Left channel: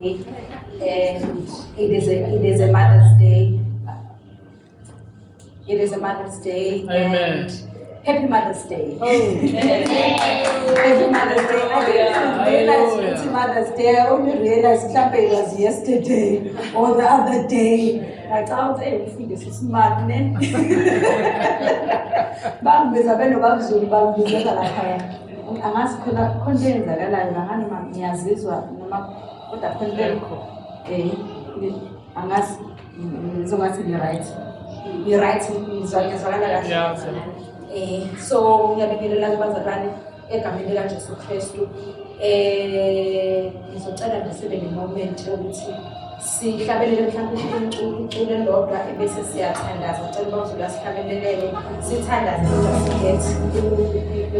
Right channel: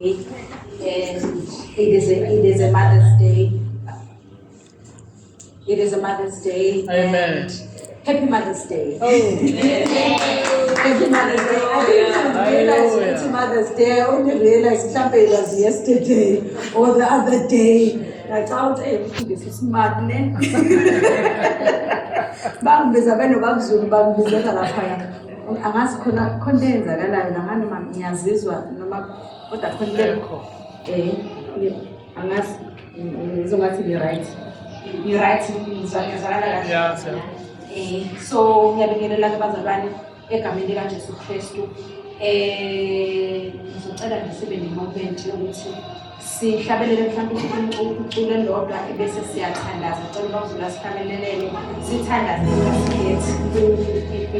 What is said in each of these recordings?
And it is a Mother's Day. It is a Mother's Day. Amen. Happy Mother's Day. Oh, Happy Mother's Day. I didn't realize it's Mother's Day. I only realized it was yesterday or the other day. I thought, hey, this is madness. Bangibiza beno bakuzulu bangibizela lapha. Angazi khona enzakalayo la ngani ngiyazizwa noma kodwa khona angazi ngizongathi ni-right. Ni-right ngizwakala kahle. So ngiyabingelela kubazalwane egameni likaJesu Kristu. Ngizocela ngisibe ne-moment yokuthi sihlabelele mhlawumbe uculo elilodwa bese siyathandaza. Ngicela uNozulu sihlabelelele sithandaze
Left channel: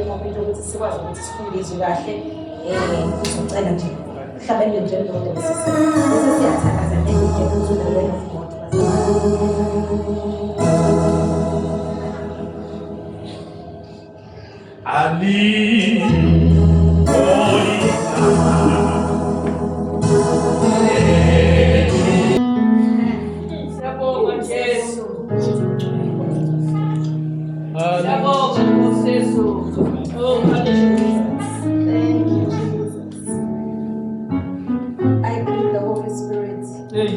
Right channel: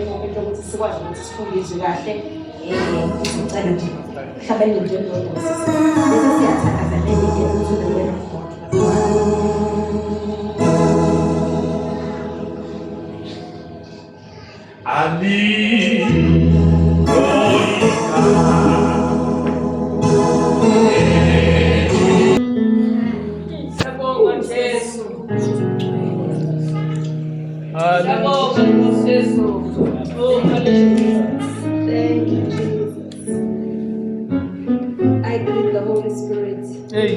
moment yokuthi sikwazi ukuthi sifundiswe kahle. Ngicela nje hlabelele nje elilodwa bese siyathandaza njengoba uNozulu Ali, Sabonga Jesu. Ali. Sabonga Jesu. Oh, hallelujah. Thank you, Jesus. I greet the Holy Spirit, Hey.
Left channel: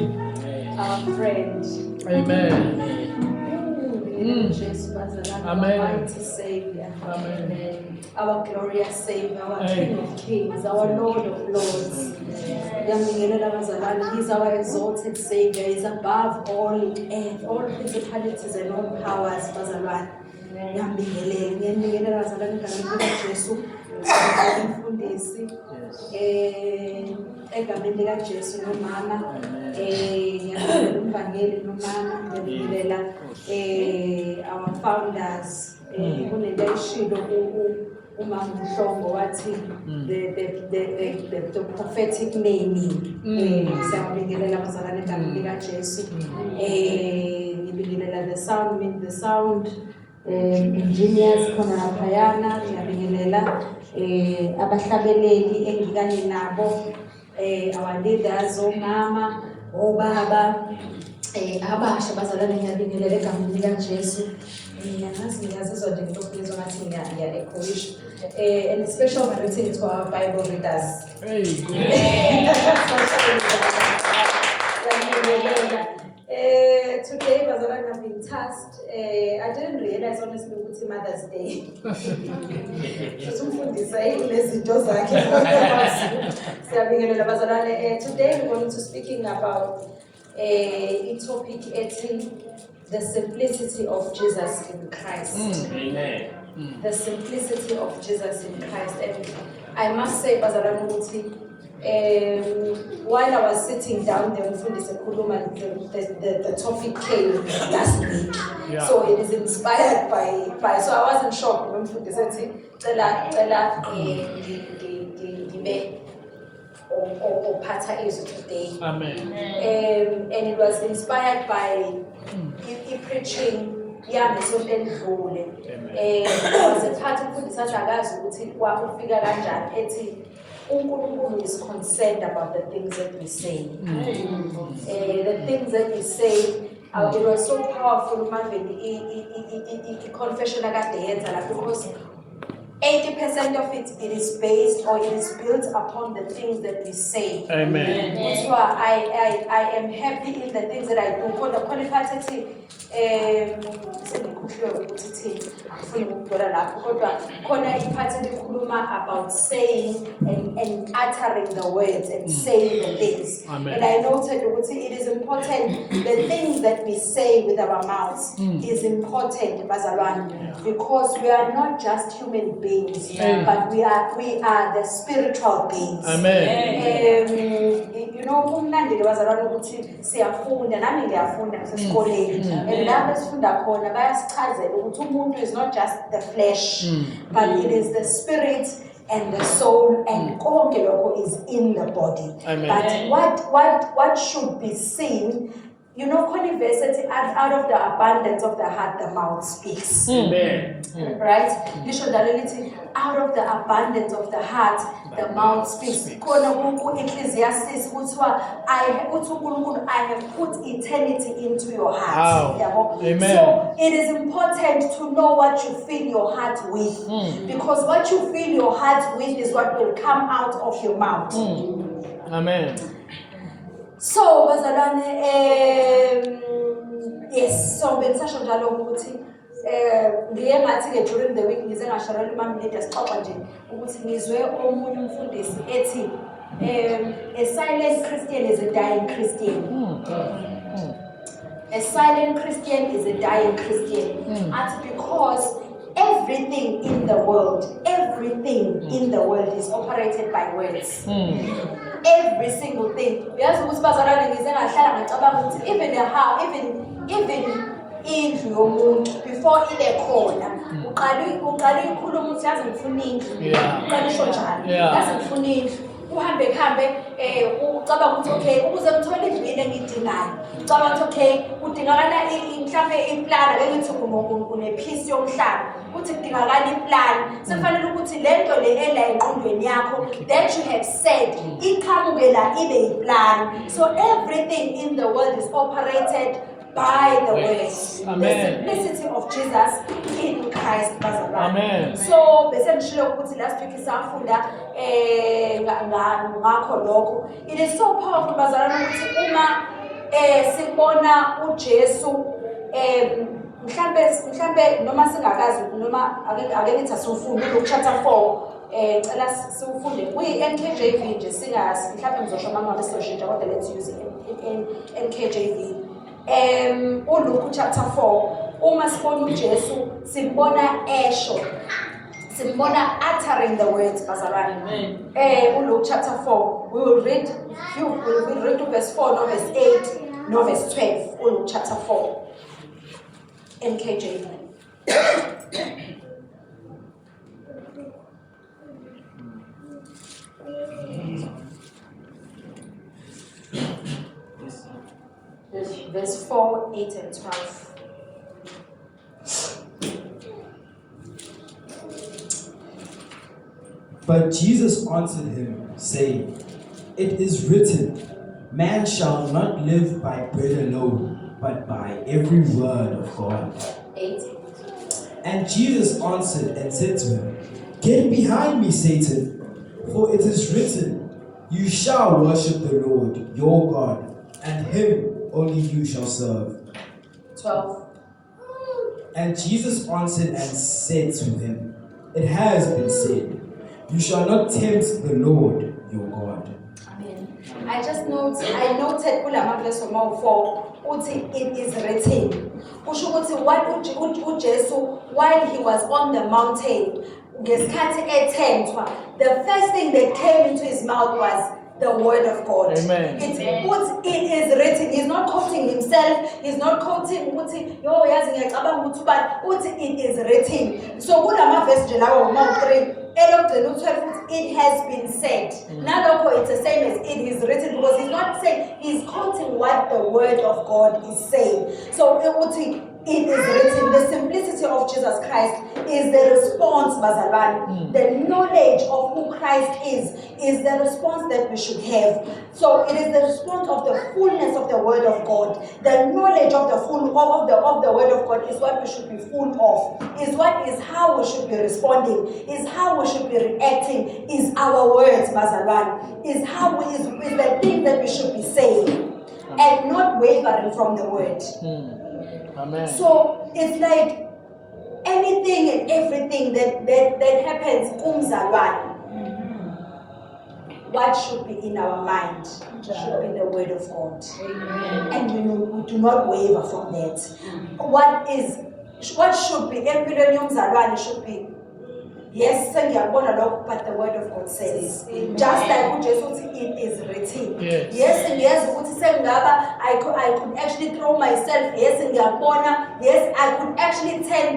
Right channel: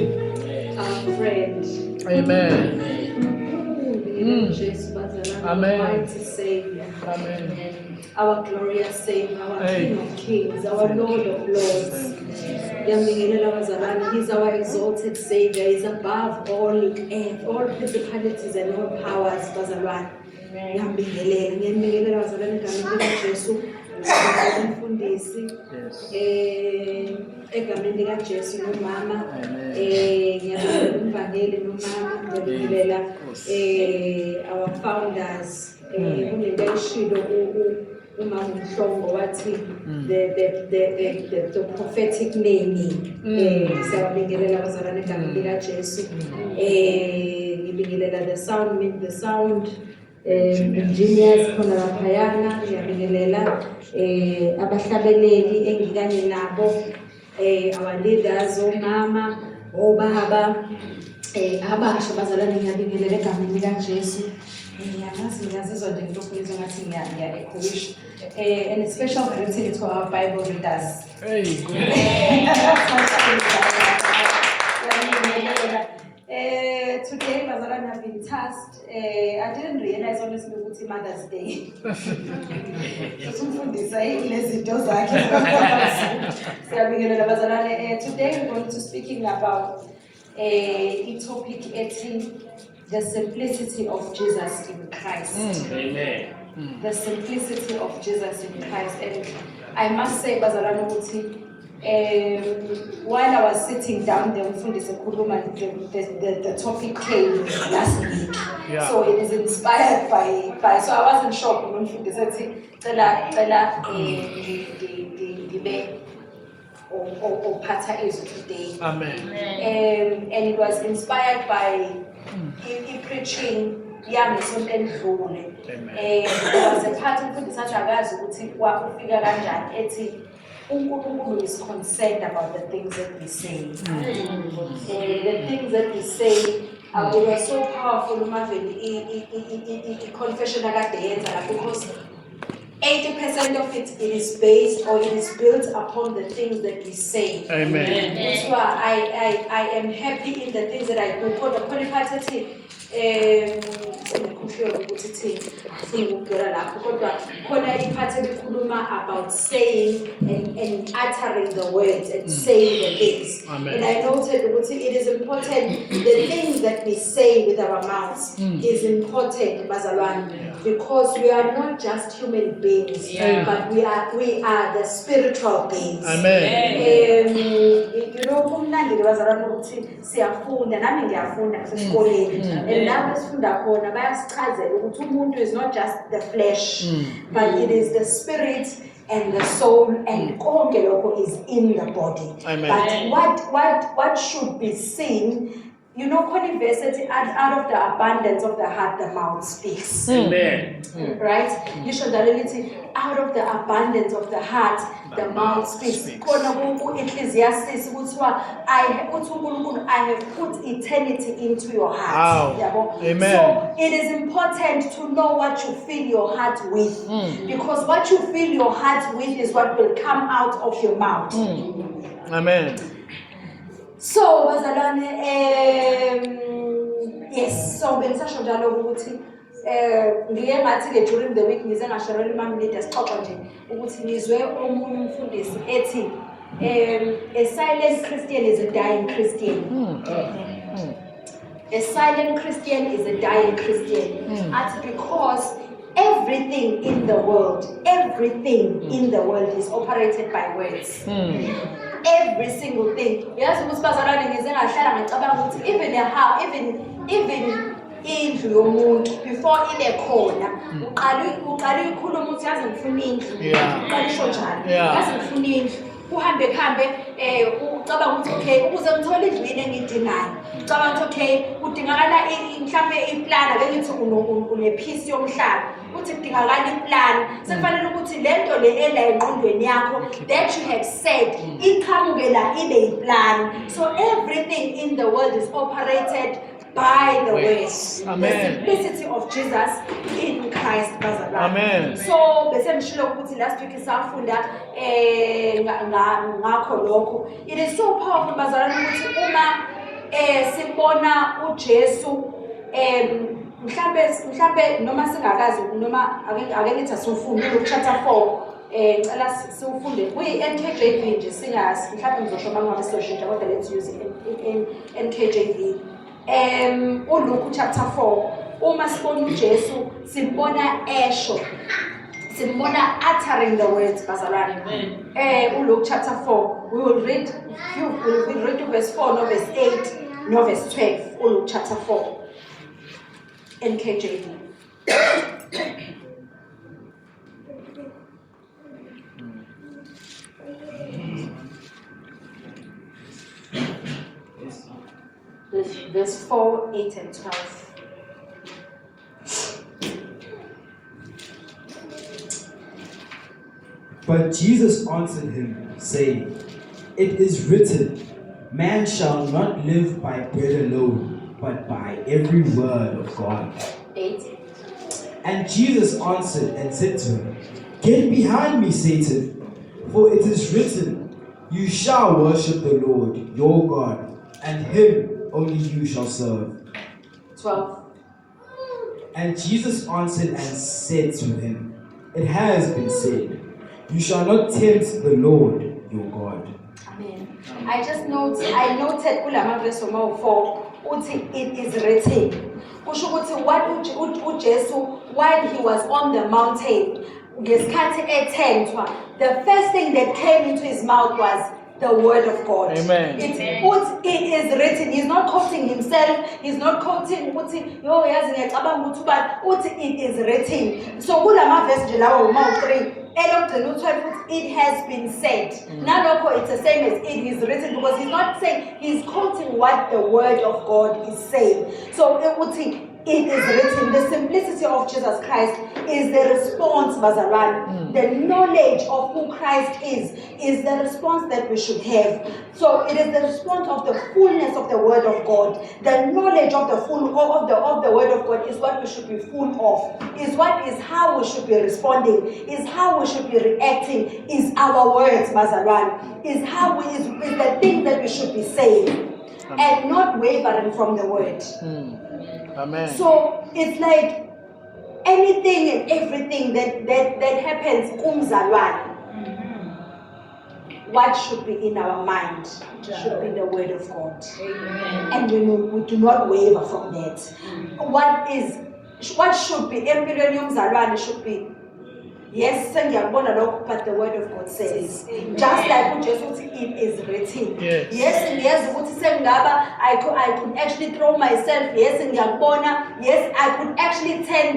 our friend. Amen. Jesus, our Amen. mighty Savior, Amen. our glorious Savior, our Hey. King of Kings, our Lord of Lords. He's our exalted Savior. He's above all earth, all principalities and all powers. Ngiyambingelela bazalwane egameni likaJesu. Umfundisi egameni likaJesu nomama. Ngiyabingelela umvangeli nomama. Ngiyabingelela our founders. Kunento ayishilo umama uMhlongo wathi the prophetic naming. Siyabingelela bazalwane egameni likaJesu. Ngibingelela the sound engineers khona laphayana. Ngiyabingelela abahlabeleli engikanye nabo, our leaders, omama, obaba, abasha bazalwane. Ngiyabingelela egameni likaJesu. Ngiyazizwa nje ngithokozwa ngathi ngiya-echoisha. And a special greeting to our Bible readers. Hey. Today, bazalwane, I've been tasked. I didn't realize honestly ukuthi Mother's Day. Umfundisa ilezinto zakhe. Siyabingelela bazalwane. Today we're going to speaking about a topic ethi the simplicity of Jesus in Christ. Amen. The simplicity of Jesus in Christ. And I must say, bazalwane, ukuthi while I was sitting down there, the topic came last week. Yeah. So it is inspired by so I wasn't shocked. Or Pata is today. Amen. And it was inspired by preaching. Amen. There was a part of the uNkulunkulu is concerned about the things that we say. The things that we say, it was so powerful, confession because 80% of it is based or it is built upon the things that we say. Amen. That's why I am happy in the things that I do. About saying and uttering the words and saying the things. Amen. And I noted it is important, the things that we say with our mouths is important, Bazalwan, because we are not just human beings, but we are the spiritual beings. Amen. You know, kumnandi Bazalwan ukuthi siyafunda, nami ngiyafunda esikoleni. And lapho sifunda khona bayasichazela ukuthi umuntu is not just the flesh, but it is the spirit and the soul and konke lokho is in the body. Amen. But what should be seen you know, conversely, out of the abundance of the heart, the mouth speaks. Amen. Right? You should reality out of the abundance of the heart, the mouth speaks. Khona ku-Ecclesiastes kuthiwa, I have put eternity into your heart. Wow. Yabo? Amen. So it is important to know what you fill your heart with. Because what you fill your heart with is what will come out of your mouth. Amen. So, bazalwane, yes, so bengisasho njalo ukuthi ngike ngathi-ke during the week ngize ngasharela ima-minute sixoxa nje ukuthi ngizwe omunye umfundisi ethi a silent Christian is a dying Christian. A silent Christian is a dying Christian. That's because everything in the world is operated by words. Every single thing. Uyazi ukuthi bazalwane ngize ngahlala ngicabanga ukuthi even indlu yomuntu before ibe khona uqala ikhuluma ukuthi yazi ngifuna indlu. Uqala isho njalo. Yazi ngifuna indlu. Uhambe ucabanga ukuthi okay ukuze ngithole indlu yini engiyidingayo. Ucabanga ukuthi okay kudingakala mhlambe iplan ake ngithi unepiece yomhlaba. Uthi kudingakala iplan. Sefanele ukuthi lento le ela engqondweni yakho that you have said iqhamuke la ibe iplan. So everything in the world is operated by the words. Amen. The simplicity of Jesus in Christ. Amen. So bese ngishilo ukuthi last week isafunda ngakho lokho. It is so powerful bazalwane ukuthi uma sibona uJesu mhlambe noma singakazi noma ake ngithi asifunde Luke chapter 4 ngicela siufunde kuyi-NKJV nje singazi mhlambe ngizosho mangabe soshintsha kodwa let's use NKJV. uLuke chapter 4 uma sibona uJesu simbona esho simbona uttering the words bazalwane. uLuke chapter 4 we will read verse 4 no verse 8 no verse 12 uLuke chapter 4 NKJV. Verse 4, 8 and 12. But Jesus answered him, saying, It is written, Man shall not live by bread alone, but by every word of God. 8. And Jesus answered and said to him, Get behind me, Satan, for it is written, You shall worship the Lord your God, and him only you shall serve. 12. And Jesus answered and said to him, It has been said, You shall not tempt the Lord your God. Amen. I noted kulama verse 4 uthi it is written. Kusho ukuthi what uJesu while he was on the mountain ngesikhathi ethentwa, the first thing that came into his mouth was the word of God. Amen. It is written. He's not quoting himself. He's not quoting uthi yo yazi ngiyacabanga ukuthi but uthi it is written. So kulama verse nje lawo Mark 3 it has been said. Naloko it's the same as it is written because he's not saying, he's quoting what the word of God is saying. So it is written. The simplicity of Jesus Christ is the response, Bazalwan. The knowledge of who Christ is the response that we should have. So it is the response of the fullness of the word of God. The knowledge of the of the word of God is what we should be full of. Is how we should be responding. Is how we should be reacting. Is our words, Bazalwan. Is the thing that we should be saying. And not wavering from the word. Amen. So it's like anything and everything that happens, what should be in our mind should be the word of God. Amen. And we do not waver from that. What should be should be Yes, sengiyabona lokho, but the word of God says, just like uJesu uthi it is written. Yes. Yes, ngiyazi ukuthi sengingaba I could actually throw myself. Yes, ngiyabona. Yes, I could actually turn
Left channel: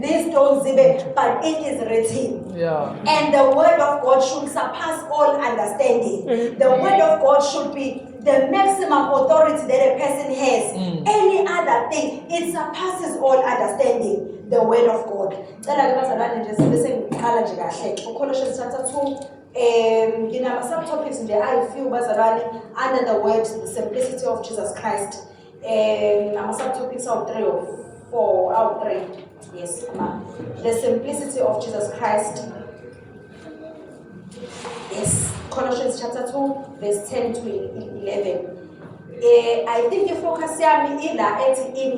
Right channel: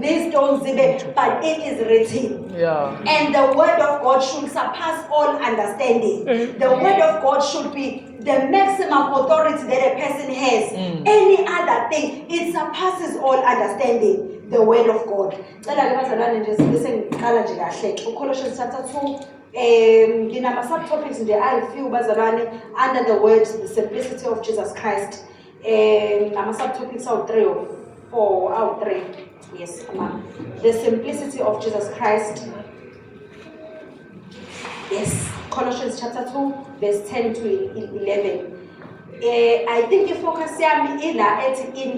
these stones zibe, but it is written. Yeah. And the word of God should surpass all understanding. The word of God should be the maximum authority that a person has. Any other thing, it surpasses all understanding. The word of God. Colossians chapter 2. Nginama subtopics nje ayi-few bazalwane under the word the simplicity of Jesus Christ. Ama subtopics are 3 or 4 out 3. Yes, the simplicity of Jesus Christ. Yes, Colossians chapter 2 verse 10 to 11. I think the focus in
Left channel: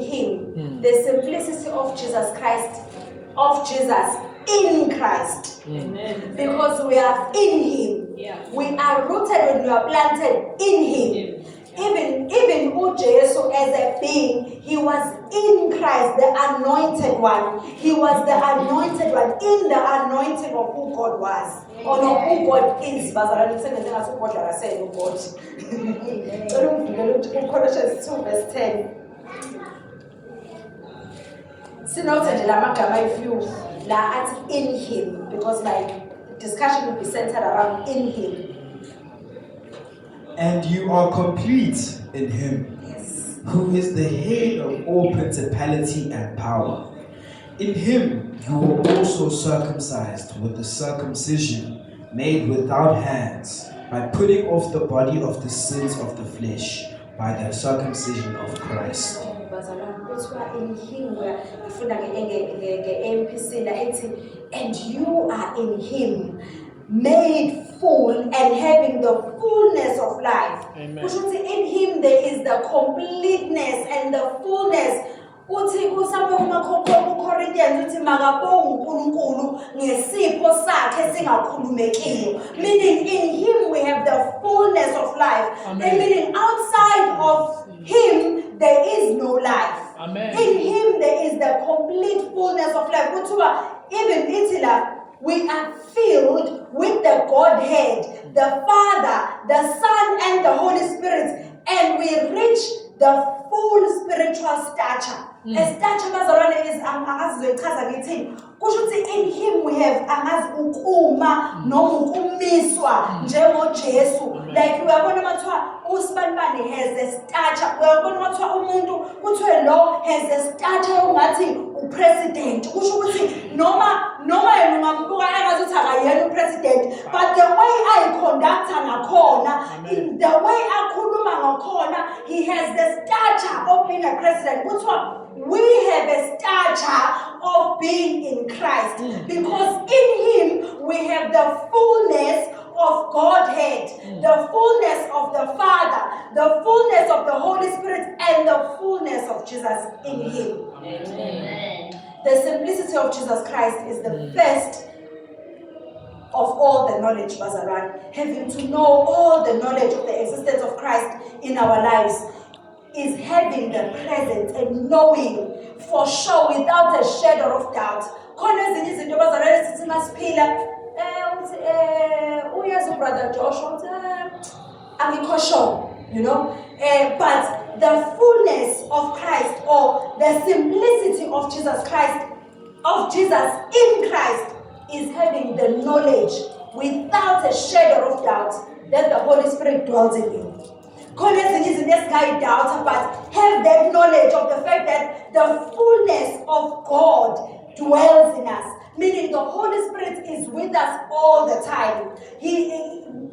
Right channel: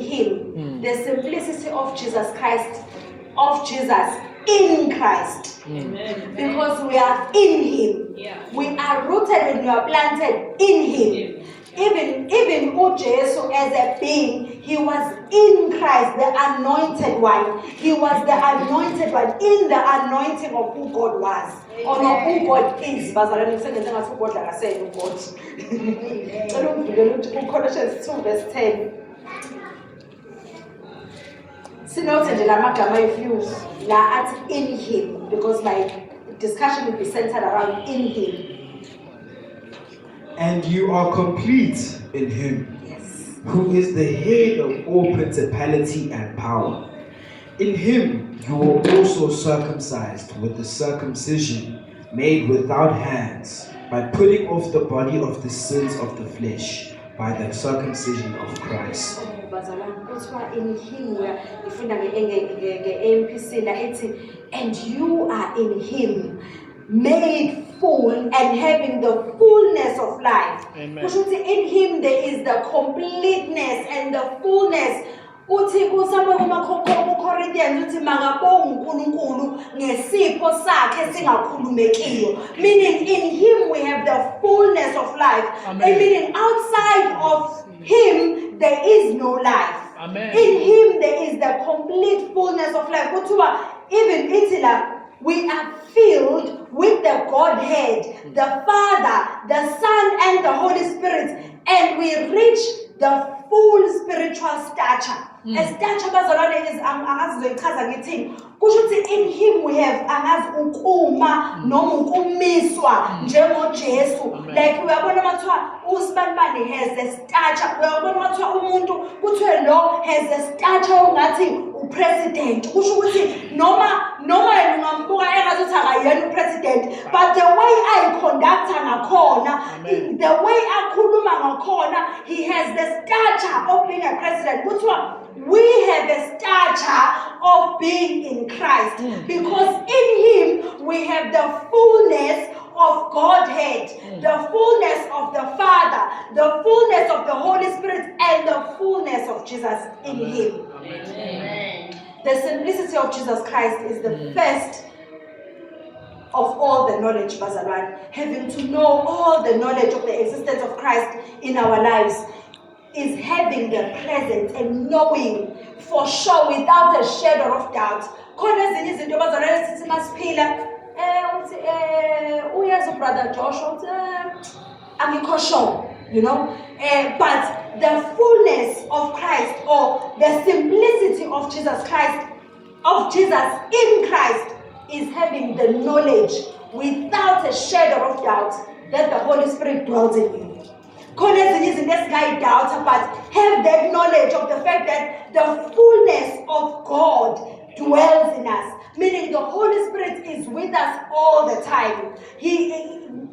him, the simplicity of Jesus Christ, of Jesus in Christ. Amen. Because we are in him. Yeah. We are rooted and we are planted in him. Even Jesus as a being, he was in Christ, the anointed one. He was the anointed one in the anointing of who God was. Or who God is. Colossians 2 verse 10. Sinote nje lamagama ayi-few la athi in him, because my discussion will be centered around in him. And you are complete in him, Yes. who is the head of all principality and power. In him you were also circumcised with the circumcision made without hands, by putting off the body of the sins of the flesh by the circumcision of Christ. In him, where and you are in him, made full and having the fullness of life. Amen. In him there is the completeness and the fullness. Uthi kusamwe kumaKorinthians uthi makabonge uNkulunkulu ngesipho sakhe esingakhulumekiyo, meaning in him we have the fullness of life. Amen. Meaning outside of him there is no life. Amen. In him there is the complete fullness of life. Even Itila, we are filled with the Godhead, the Father, the Son, and the Holy Spirit, and we reach the full spiritual stature. A stature bazalwane is angazizoyichaza ngithini. Kusho ukuthi in him we have angazi ukuma noma ukumiswa njengoJesu. Like uyabona mathiwa usibanibani has the stature. Uyabona mathiwa umuntu kuthiwe lo has the stature ongathi upresident. Kusho ukuthi noma yena ungambuka engazuthi akayena upresident, but the way I conduct ngakhona, the way akhuluma ngakhona, he has the stature of being a president. Kuthiwa we have a stature of being in Christ, because in him we have the fullness of Godhead, the fullness of the Father, the fullness of the Holy Spirit, and the fullness of Jesus in him. Amen. The simplicity of Jesus Christ is the first of all the knowledge, Bazaran. Having to know all the knowledge of the existence of Christ in our lives is having the presence and knowing for sure without a shadow of doubt. Khona ezinye izinto bazalwane sithi masiphila uyazi brother Joshua angikho sure, but the fullness of Christ, or the simplicity of Jesus Christ, of Jesus in Christ, is having the knowledge without a shadow of doubt that the Holy Spirit dwells in you. This guy doubt, but have that knowledge of the fact that the fullness of God dwells in us. Meaning the Holy Spirit is with us all the time. He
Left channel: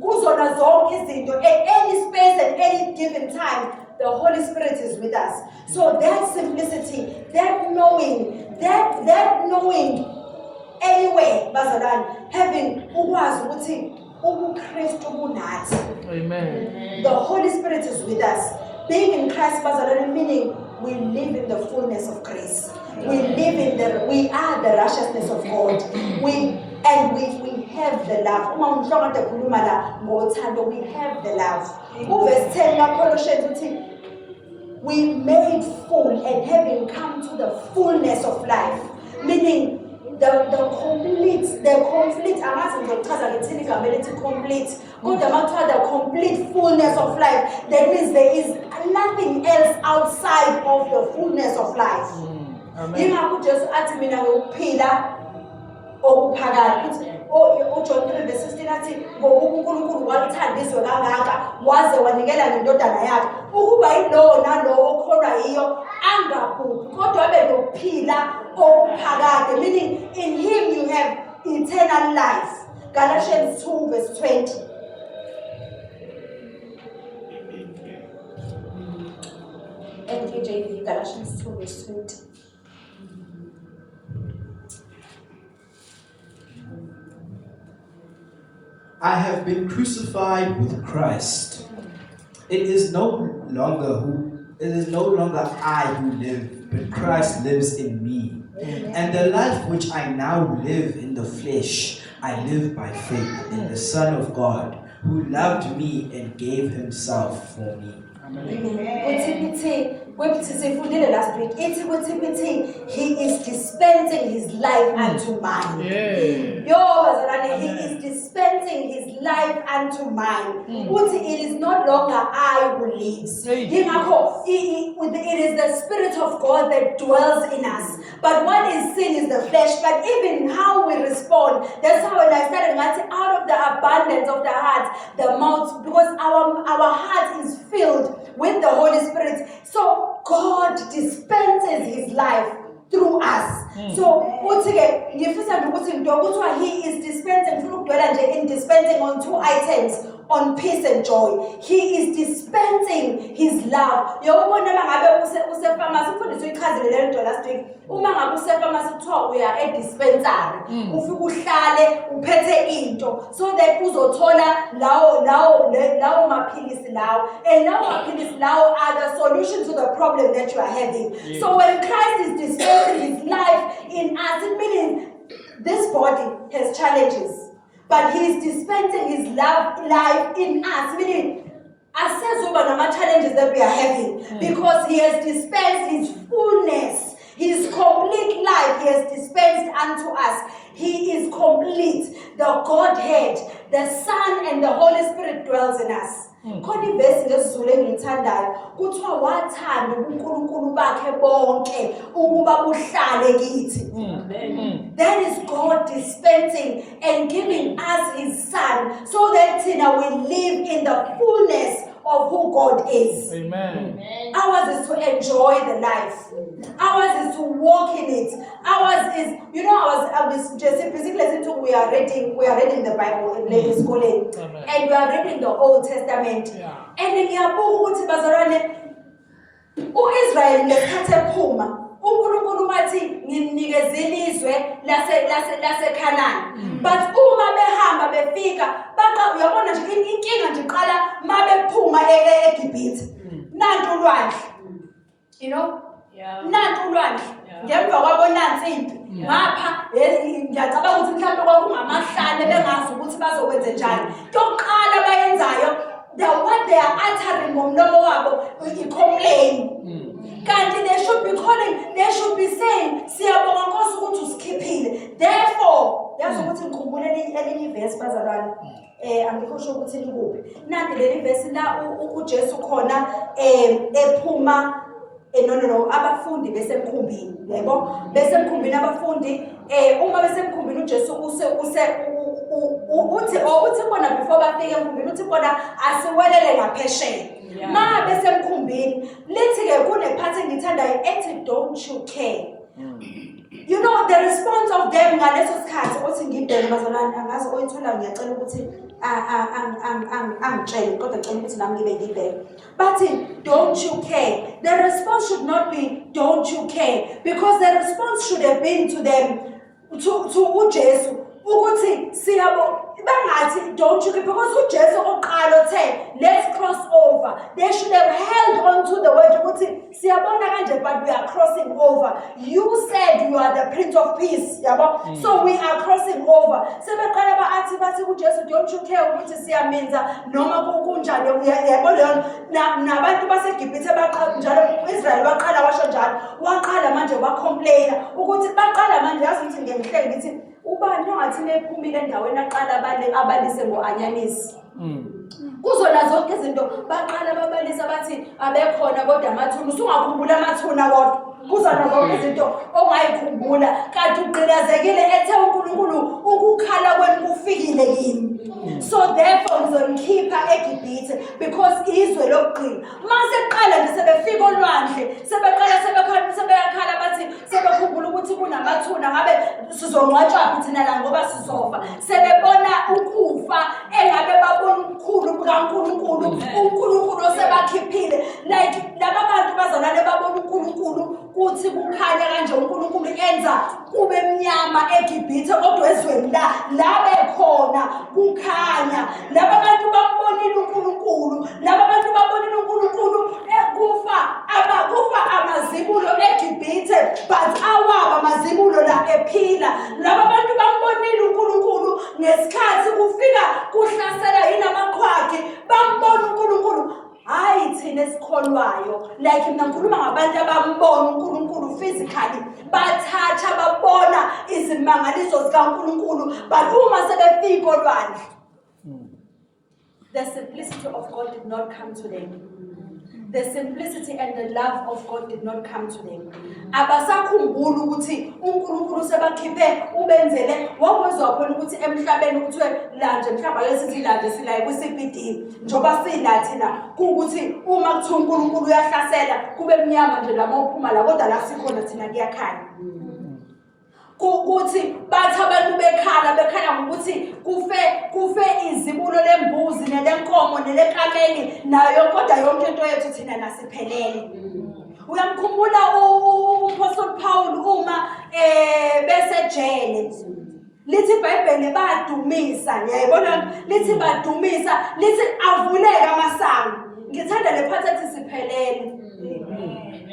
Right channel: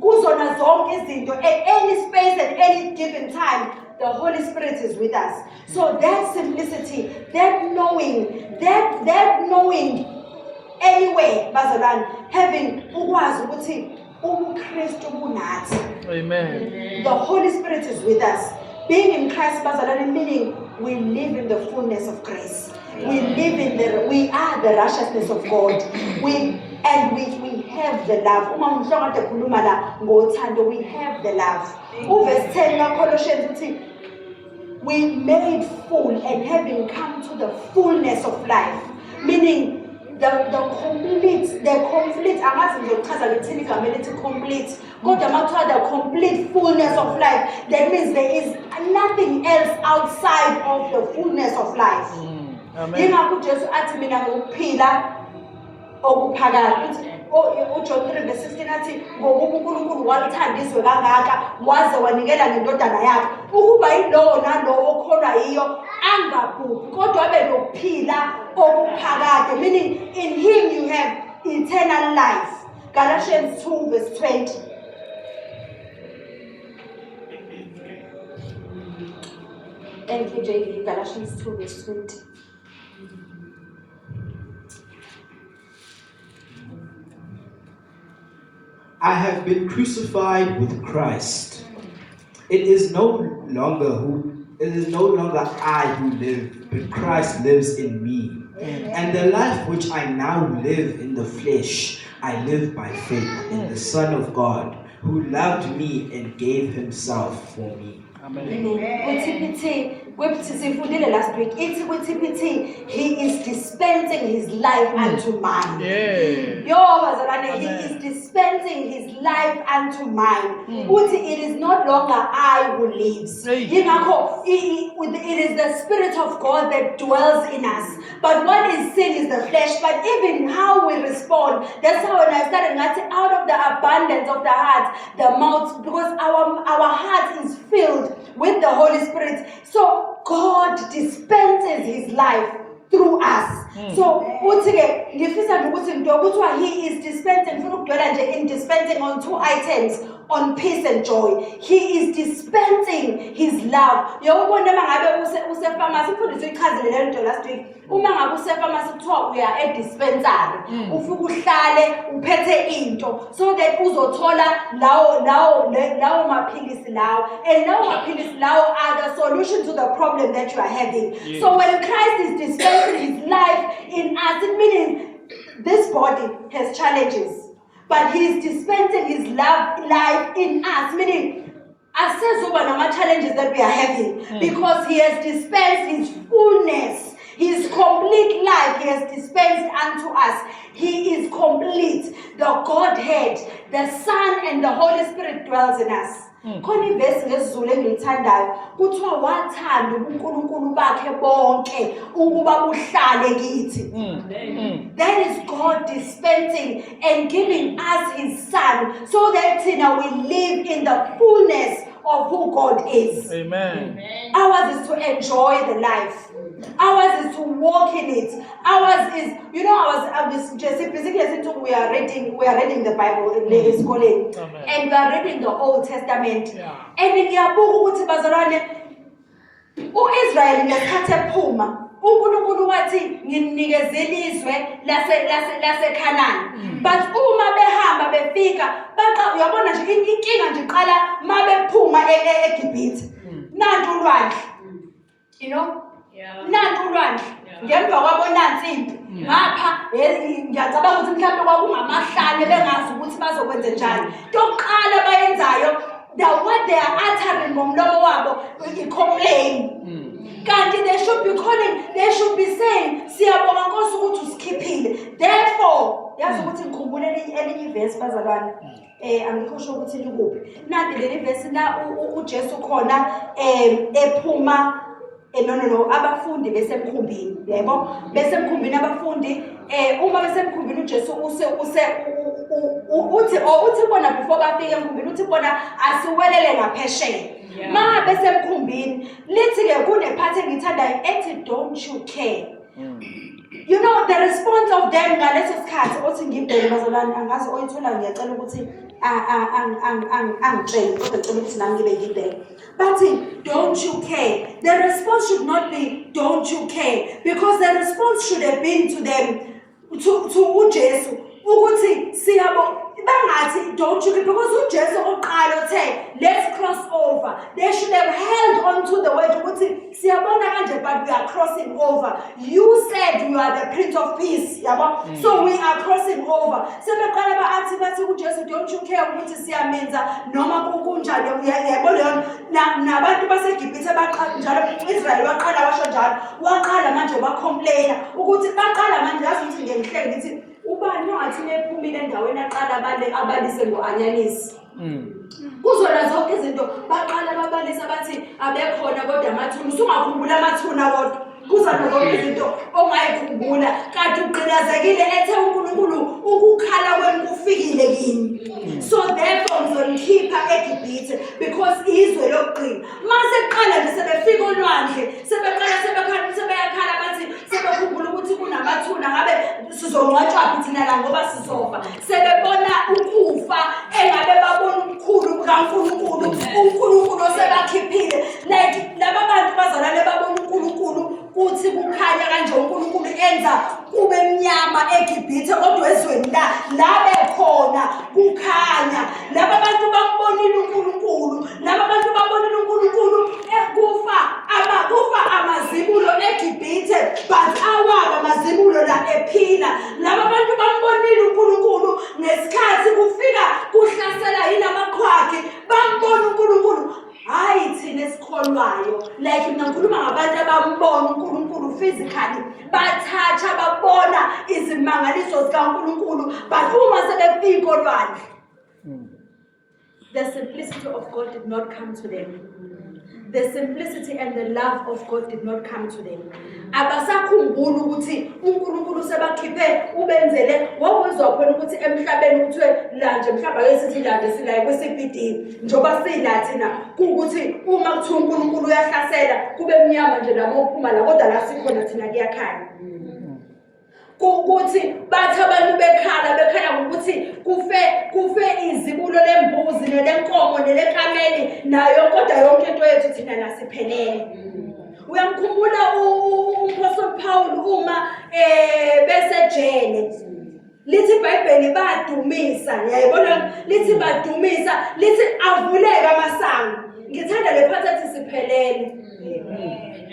goes on a zone at any space, at any given time. The Holy Spirit is with us. So that simplicity, that knowing, anyway, Bazaran, having Amen. the Holy Spirit is with us. Being in Christ, meaning we live in the fullness of grace. We are the righteousness of God. We have the love. We have the love. Verse 10 Colossians, we made full and having come to the fullness of life. Meaning the complete, angazi ngizochaza ngithini igama elithi complete. Kodwa makuthiwa the complete fullness of life, that means there is nothing else outside of the fullness of life. Amen. Yingakho uJesu athi mina ngiyokuphila okuphakathi. uJohn 3:16 athi ngoba uNkulunkulu walithanda izwe kangaka waze wanikela ngendodana yakhe ukuba yilowo nalowo okholwa yiyo angabhubhi kodwa abe nokuphila okuphakade, meaning in him you have eternal life. Galatians 2:20. NKJV, Galatians 2:20. I have been crucified with Christ. It is no longer I who live, but Christ lives in me. And the life which I now live in the flesh, I live by faith in the Son of God, who loved me and gave himself for me. Last week, he is dispensing his life unto mine. He is dispensing his life unto mine. It is not longer I who lives. It is the Spirit of God that dwells in us. But what is sin is the flesh. But even how we respond, that's how when I started out of the abundance of the heart, the mouth, because our heart is filled with the Holy Spirit. So God dispenses his life through us. So he is dispensing, in dispensing on two items, on peace and joy. He is dispensing his love. We are a dispensary. So that are the solution to the problem that you are having. Yes. So when Christ is dispensing his life in us, it means this body has challenges, but he is dispensing his life in us, meaning assess over the challenges that we are having, because he has dispensed his fullness, his complete life he has dispensed unto us. He is complete. The Godhead, the Son and the Holy Spirit dwells in us. Khona ivesi ngesizulu engilithandayo kuthiwa wathanda uNkulunkulu bakhe bonke ukuba buhlale kithi. That is God dispensing and giving us his Son so that we live in the fullness of who God is. Amen. Ours is to enjoy the life. Ours is to walk in it. Ours is, I was just basically we are reading the Bible in school, and we are reading the Old Testament. And in Yabuku Bazarane, Israel ngesikhathi ephuma, uNkulunkulu wathi nginikezeni izwe lase Canaan. But uma behamba befika uyabona nje inkinga nje iqala mabephuma eGibhithe. Nantu ulwandle. Nantu ulwandle. Ngemva kwabo nansi impi. Ngapha ngiyacabanga ukuthi mhlawumbe kwakungamahlane bengazi ukuthi bazokwenza njani. Toqala bayenzayo, what they are uttering ngomlomo wabo i-complain. Kanti they should be saying siyabonga Nkosi ukuthi usikhiphile. Therefore, yazi ukuthi ngikhumbulele elinye ivesi bazalwane. Angikho sure ukuthi likuphi. Nanti leli vesi la uJesu khona ephuma abafundi besemkhumbini, yebo, besemkhumbini abafundi uma besemkhumbini uJesu uthi bona before bafike emkhumbini uthi bona asiwelele ngaphesheya. Ma besemkhumbini lithi ke kunephathi engithandayo ethi don't you care. The response of them ngaleso sikhathi othi ngibheke bazalwane angazi oyithola ngiyacela ukuthi angitshele kodwa ngicela ukuthi nami ngibe ngibheke. But don't you care? The response should not be don't you care, because the response should have been to them, to uJesu ukuthi siyabo bangathi don't you care, because uJesu oqala othe let's cross over. They should have held on to the word ukuthi siyabona kanje but we are crossing over. You said you are the Prince of Peace, yabo. So we are crossing over. Sebeqala baathi bathi kuJesu, don't you care ukuthi siyamenza noma kunjani uyayibona nabantu baseGibhithe baqala njalo Israel baqala washo njalo waqala manje bacomplaina ukuthi baqala manje yazi ukuthi ngiyihleke ngithi ubani ongathi nephumile endaweni aqala abalise ngoanyanisi kuzona zonke izinto baqala babalisa bathi abekhona kodwa amathuna usungakhumbula amathuna kodwa kuzona zonke izinto ongayikhumbula kanti uqinazekile ethe uNkulunkulu ukukhala kwenu kufikile kini so therefore ngizonikhipha eGibhithe because izwe lokuqina mase qala nje sebefika olwandle sebeyakhala bathi sebekhumbula ukuthi kunamathuna ngabe sizongcwatshwa thina la ngoba sizofa sebebona ukufa engabe babona ukukhulu kaNkulunkulu uNkulunkulu osebakhiphile like laba bantu bazalane babona uNkulunkulu kuthi kukhanya kanje uNkulunkulu enza kube mnyama eGibhithe kodwa ezweni la bekhona kukhanya laba bantu bambonile uNkulunkulu laba bantu babonile uNkulunkulu kufa amazibulo eGibhithe but awaba amazibulo la ephila laba bantu bambonile uNkulunkulu ngesikhathi kufika kuhlasela yina amaqhwagi bambona uNkulunkulu hayi thina esikholwayo like mina ngikhuluma ngabantu abambona uNkulunkulu physically bathatha babona izimangaliso zikaNkulunkulu but uma sebefika olwandle the simplicity of God did not come to them. The simplicity and the love of God did not come to them. Abasakhumbula ukuthi uNkulunkulu sebakhiphe ubenzele wakwezwa khona ukuthi emhlabeni kuthiwe lanje mhlaba lesithi lanje silaye kwiCBD njoba sila thina ukuthi uma kuthi uNkulunkulu uyahlasela kube mnyama nje noma uphuma la kodwa la sikhona thina kuyakhanya ukuthi bathi abantu bekhala ngokuthi kufe izibulo lembuzi nelenkomo nelenkameli nayo kodwa yonke into yethu thina nasiphelele uyamkhumbula uApostle Paul uma besejele lithi iBhayibheli badumisa ngiyayibona lithi badumisa lithi avuleka amasango ngithanda lephathi siphelele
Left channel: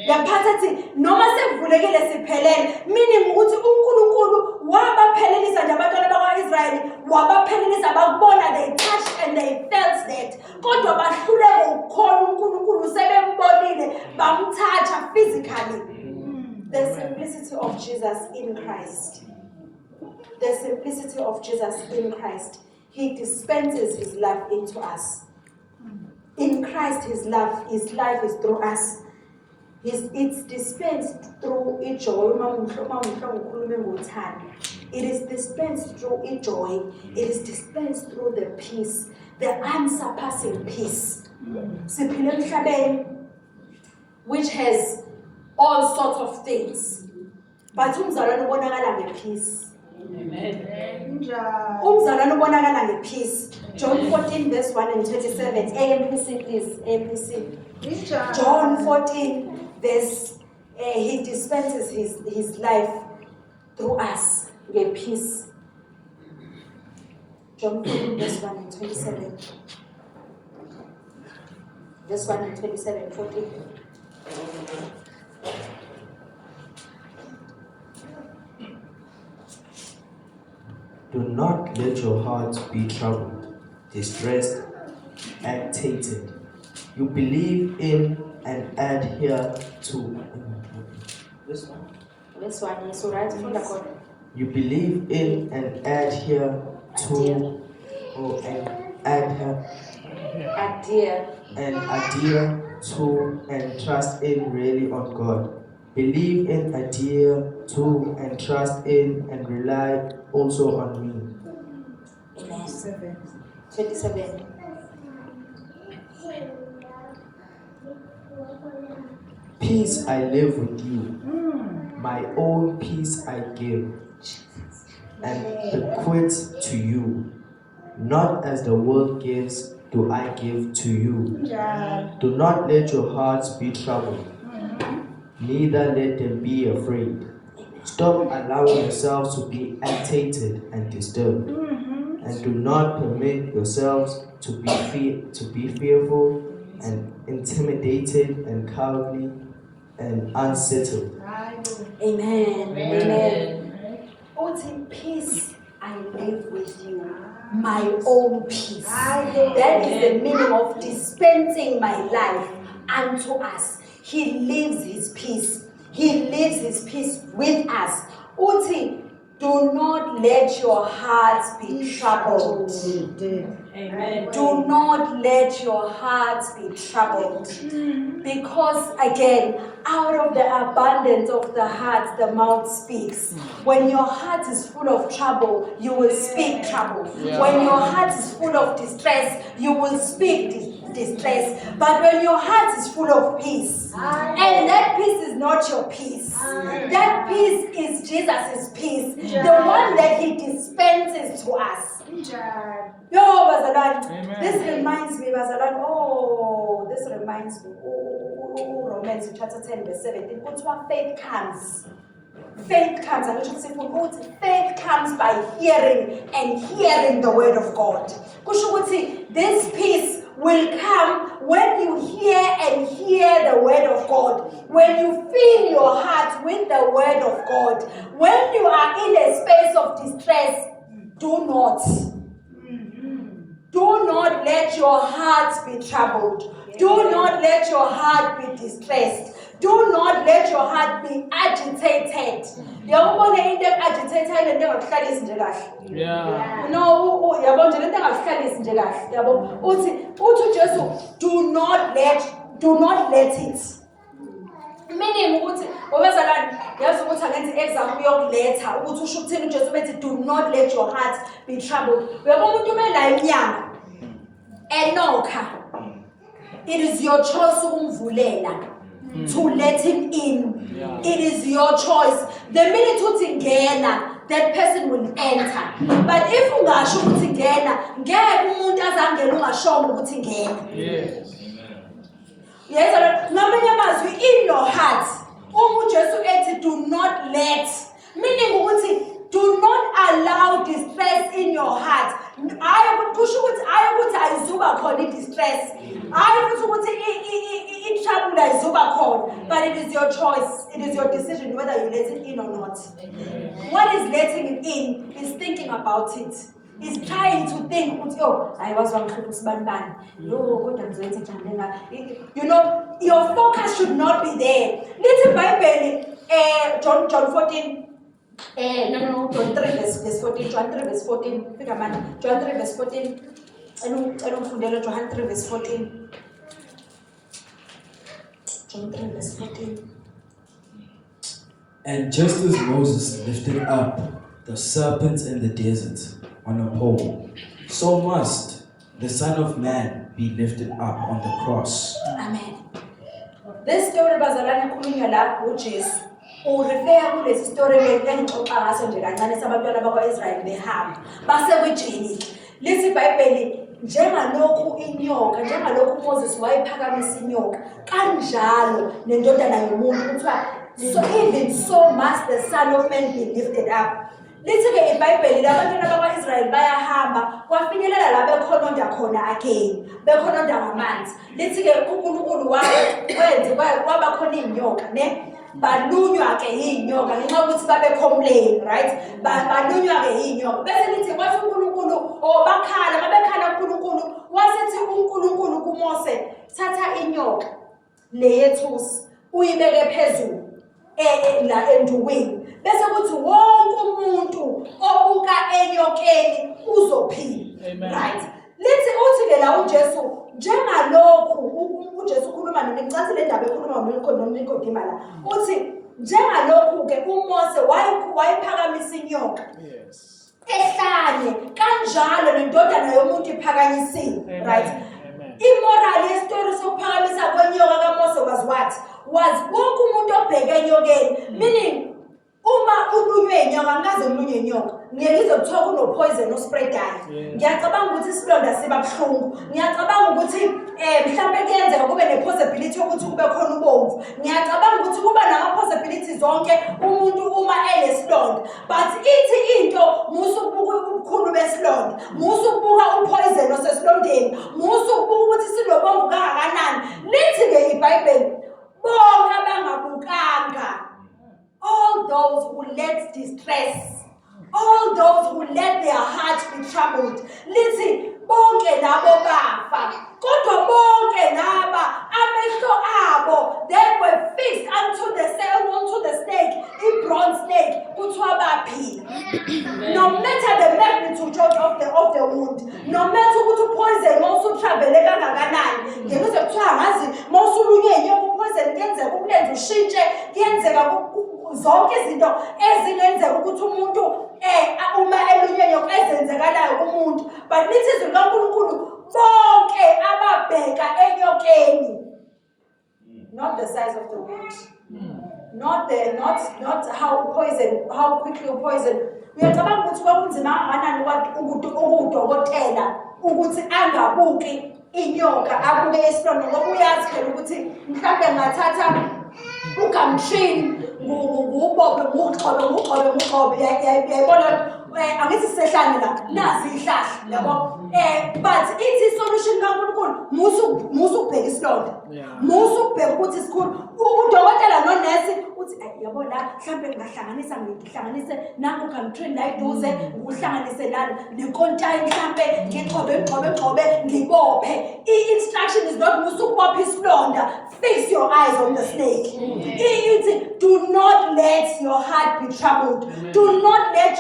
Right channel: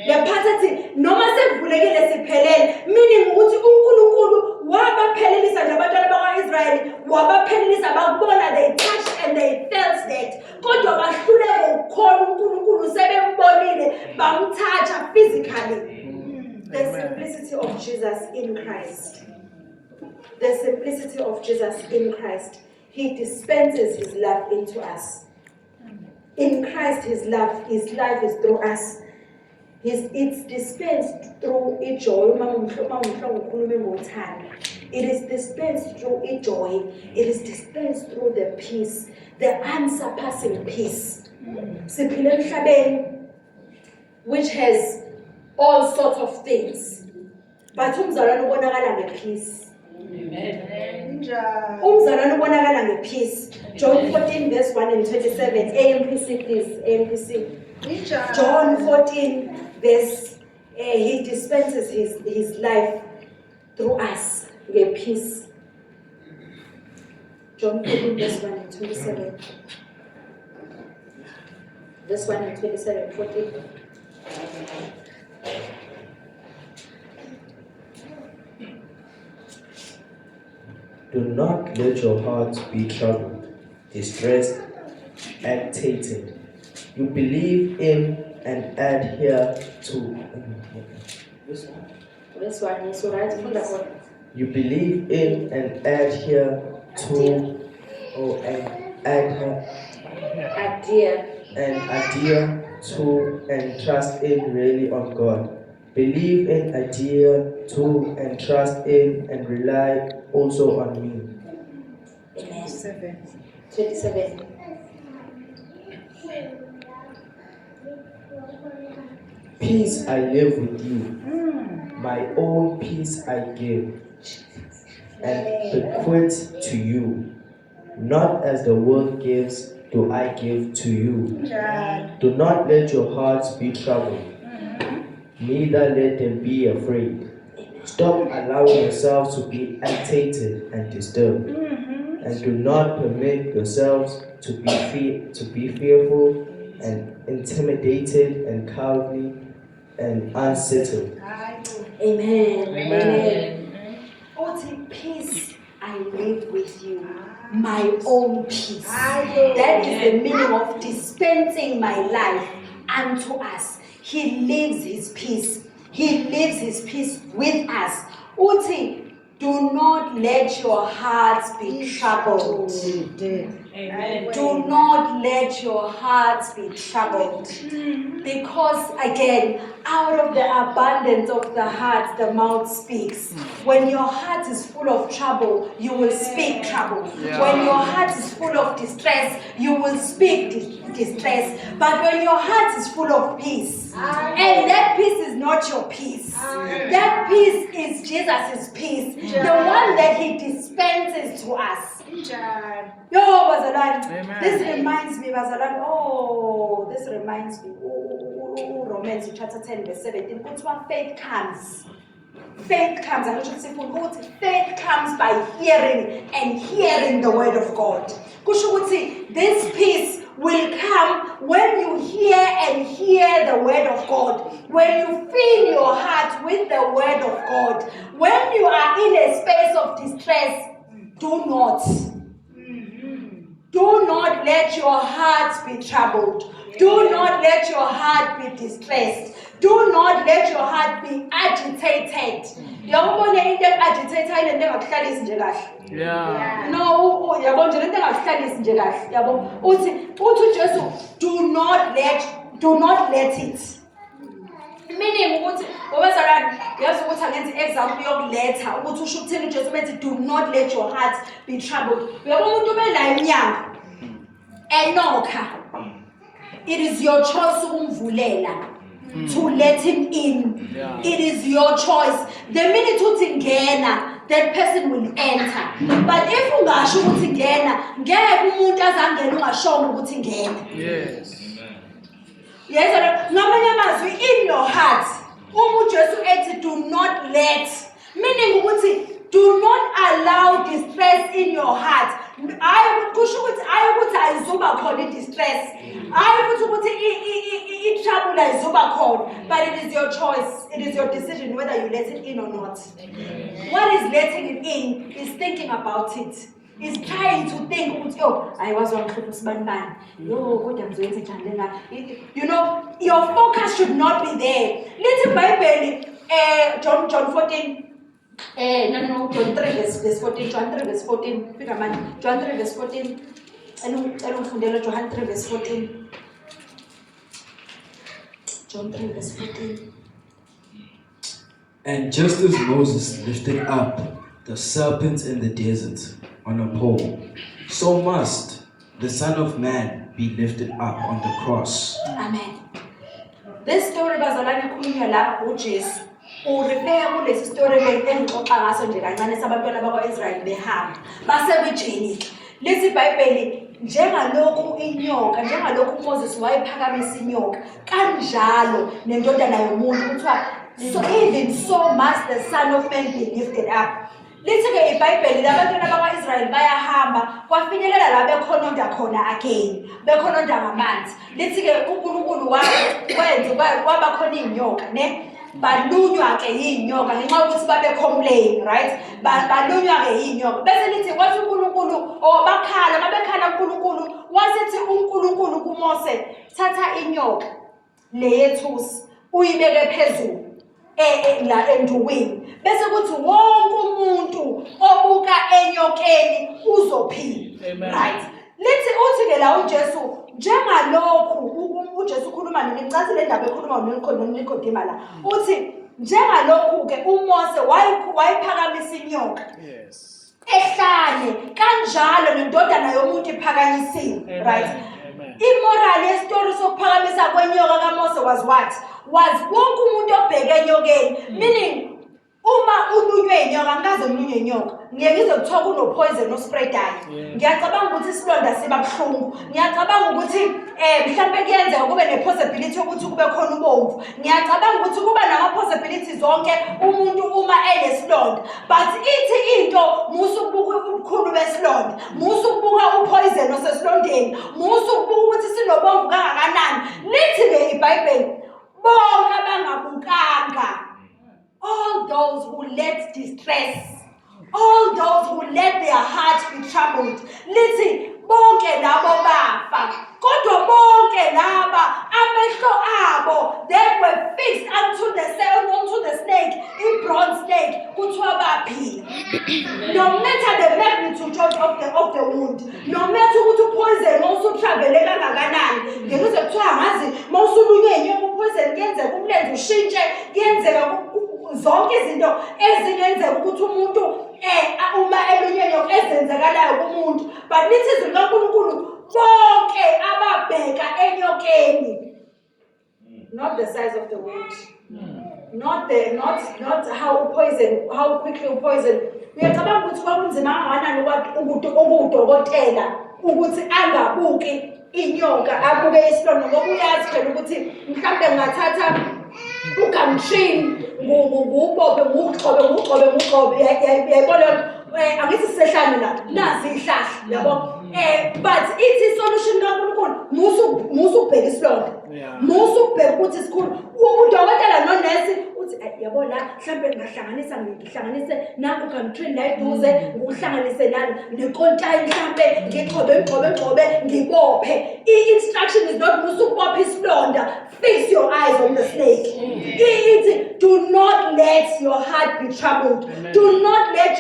lephathi noma sekuvulekile siphelele meaning ukuthi uNkulunkulu wabaphelelisa nabantwana bakwaIsrayeli wabaphelelisa bakubona they touched and they felt that kodwa bahluleke ukukhona uNkulunkulu sebembonile bamthatha physically the simplicity of Jesus in Christ. The simplicity of Jesus in Christ. He dispenses his love into us. In Christ, his life is through us. It's dispensed through joy. It is dispensed through joy. It is dispensed through the peace, the unsurpassing peace. Which has all sorts of things. But peace. Amen. Peace. John 14 verse 1 and 27. AMPC please. AMPC. John 14 verse he dispenses his life through us. The peace. John 14 verse 1 and 27. Verse 1 and 27. 14. Do not let your hearts be troubled, distressed, agitated. You believe in and adhere to. This one? This one is right from the corner. You believe in and adhere to, adhere to and trust in really on God. Believe in, adhere to, and trust in, and rely also on me. Amen. 27. Peace I live with you. My own peace I give, and bequeath to you. Not as the world gives, do I give to you. Do not let your hearts be troubled. Neither let them be afraid. Stop allowing yourselves to be agitated and disturbed, and do not permit yourselves to be fearful and intimidated and cowardly. and unsettled. Amen. Amen. Uthi, peace I live with you, my own peace. That is the meaning of dispensing my life unto us. He lives his peace. He lives his peace with us. Uthi, do not let your hearts be troubled. Amen. Do not let your hearts be troubled. Because again, out of the abundance of the heart, the mouth speaks. When your heart is full of trouble, you will speak trouble. Yeah. When your heart is full of distress, you will speak distress. But when your heart is full of peace, and that peace is not your peace, that peace is Jesus' peace, the one that he dispenses to us. Yo, bazalwane, Amen. this reminds me, bazalwane, this reminds me, Romans chapter 10 verse 17, kuthiwa faith comes. Faith comes, faith comes by hearing and hearing the word of God. Kusho ukuthi this peace will come when you hear and hear the word of God. When you fill your heart with the word of God. When you are in a space of distress, do not let your heart be troubled. Do not let your heart be distressed. Do not let your heart be agitated. Yabona into agitated into engakuhlalisi nje kahle. Yeah. No, yabo nje into engakuhlalisi nje kahle. Yabo uthi uJesu, do not let it. Meaning ukuthi obazalwane yazi ukuthi angenza example yokuletha ukuthi usho ukuthini uJesu bethi do not let your heart be troubled. Uyabona umuntu ubela inyanga enokha. It is your choice ukumvulela. To let him in. Yeah. It is your choice. The minute uthi ngena, that person will enter. But if ungasho ukuthi ngena, ngeke umuntu azangena ungashongo ukuthi ngena. Yes. Yes, ngamanye amazwi in your heart. Ujesu ethi do not let. Meaning ukuthi do not allow distress in your heart. Kusho ukuthi ayikuthi ayizuba khona distress. Ayikuthi ukuthi trouble ayizuba khona. But it is your choice. It is your decision whether you let it in or not. What is letting it in is thinking about it. Is trying to think, I was one man. You know, your focus should not be there. Little Bible, John 14. John 3 verse 14. John 3 verse 14. John 3 verse 14. John 3 verse 14. John 3 verse 14. And just as Moses lifted up the serpent in the desert on a pole, so must the Son of Man be lifted up on the cross. Amen. This story bazalwane khulunywa la uJesu. Urefera kulesi story engixoxa ngaso nje kancane sabantwana bakwaIsrael behamba basekwijini. Lithi iBhayibheli njengalokhu inyoka, njengalokhu Moses wayephakamisa inyoka, kanjalo nendodana yomuntu kuthiwa so even so must the Son of Man be lifted up. Lithi ke iBhayibheli labantwana bakwaIsrael bayahamba kwafinyelela la bekhononda khona again bekhononda ngamanzi. Lithi ke uNkulunkulu wenza kwaba khona inyoka ne balunywa ke inyoka ngenxa ukuthi babe complain, right? Balunywa ke inyoka bese lithi kwathi uNkulunkulu bakhala mabekhala uNkulunkulu wasethi uNkulunkulu kuMose thatha inyoka leyethusi uyibeke phezulu la endukwini bese kuthi wonke umuntu obuka enyokeni uzophila. Right? Lithi uthi ke la uJesu njengalokhu uJesu ukhuluma ngicathe le ndaba ekhuluma noNikodima la uthi njengalokhu ke uMose wayiphakamisa inyoka. Yes. Ehlane kanjalo nendodana yomuntu iphakanyisiwe. Right? Immoral yestory sokuphakamisa kwenyoka kaMose was what? Was wonke umuntu obheke enyokeni. Meaning uma ulunywe inyoka ngaze ulunywe inyoka ngeke izokuthiwa kuno poison no spray dye. Ngiyacabanga ukuthi isilonda siba buhlungu. Ngiyacabanga ukuthi mhlambe kuyenzeka kube ne possibility ukuthi kube khona ubomvu. Ngiyacabanga ukuthi kuba nama possibilities zonke umuntu uma enesilonda. But ithi into musu ukubuka ubukhulu besilonda, musu ukubuka upoison osesilondeni, musu ukubuka ukuthi sinobomvu kangakanani. Lithi ke iBhayibheli bonke abangabu those who let distress, all those who let their hearts be troubled. Lithi bonke labo bafa, kodwa bonke laba amehlo abo, they were fixed unto the snake, a bronze snake, kuthiwa baphila. No matter the magnitude of the wound, no matter ukuthi poison mawusutravele kangakanani, ngekuze kuthiwa ngazi mawusulunywe inyoka poison kuyenzeka umlenze ushintshe, kuyenzeka zonke izinto ezingenzeka ukuthi umuntu uma elunywe inyoka ezenzekalayo kumuntu. But lithi izwi likaNkulunkulu bonke ababheka enyokeni, not the size of the wound, not how quickly poison. Uyacabanga ukuthi kwakunzima kangakanani ukudokotela ukuthi angabuki inyoka abuke isilonda, ngoba uyazi phela ukuthi mhlawumbe ngathatha ugamtrini ngubophe ngugcobe yayibona angithi sisehlane la nazi ihlahla yabo. But ithi solution kaNkulunkulu musu ubheka isilonda, musu ubheka ukuthi sikhulu. Udokotela nonesi uthi yabo la mhlawumbe ngihlanganise nanku ugamtrini la eduze, ngihlanganise nani nenkontayi mhlawumbe ngigcobe ngibophe. I-instruction is not musu ubophe isilonda. Fix your eyes on the snake. Do not let your heart be troubled. Amen. Do not let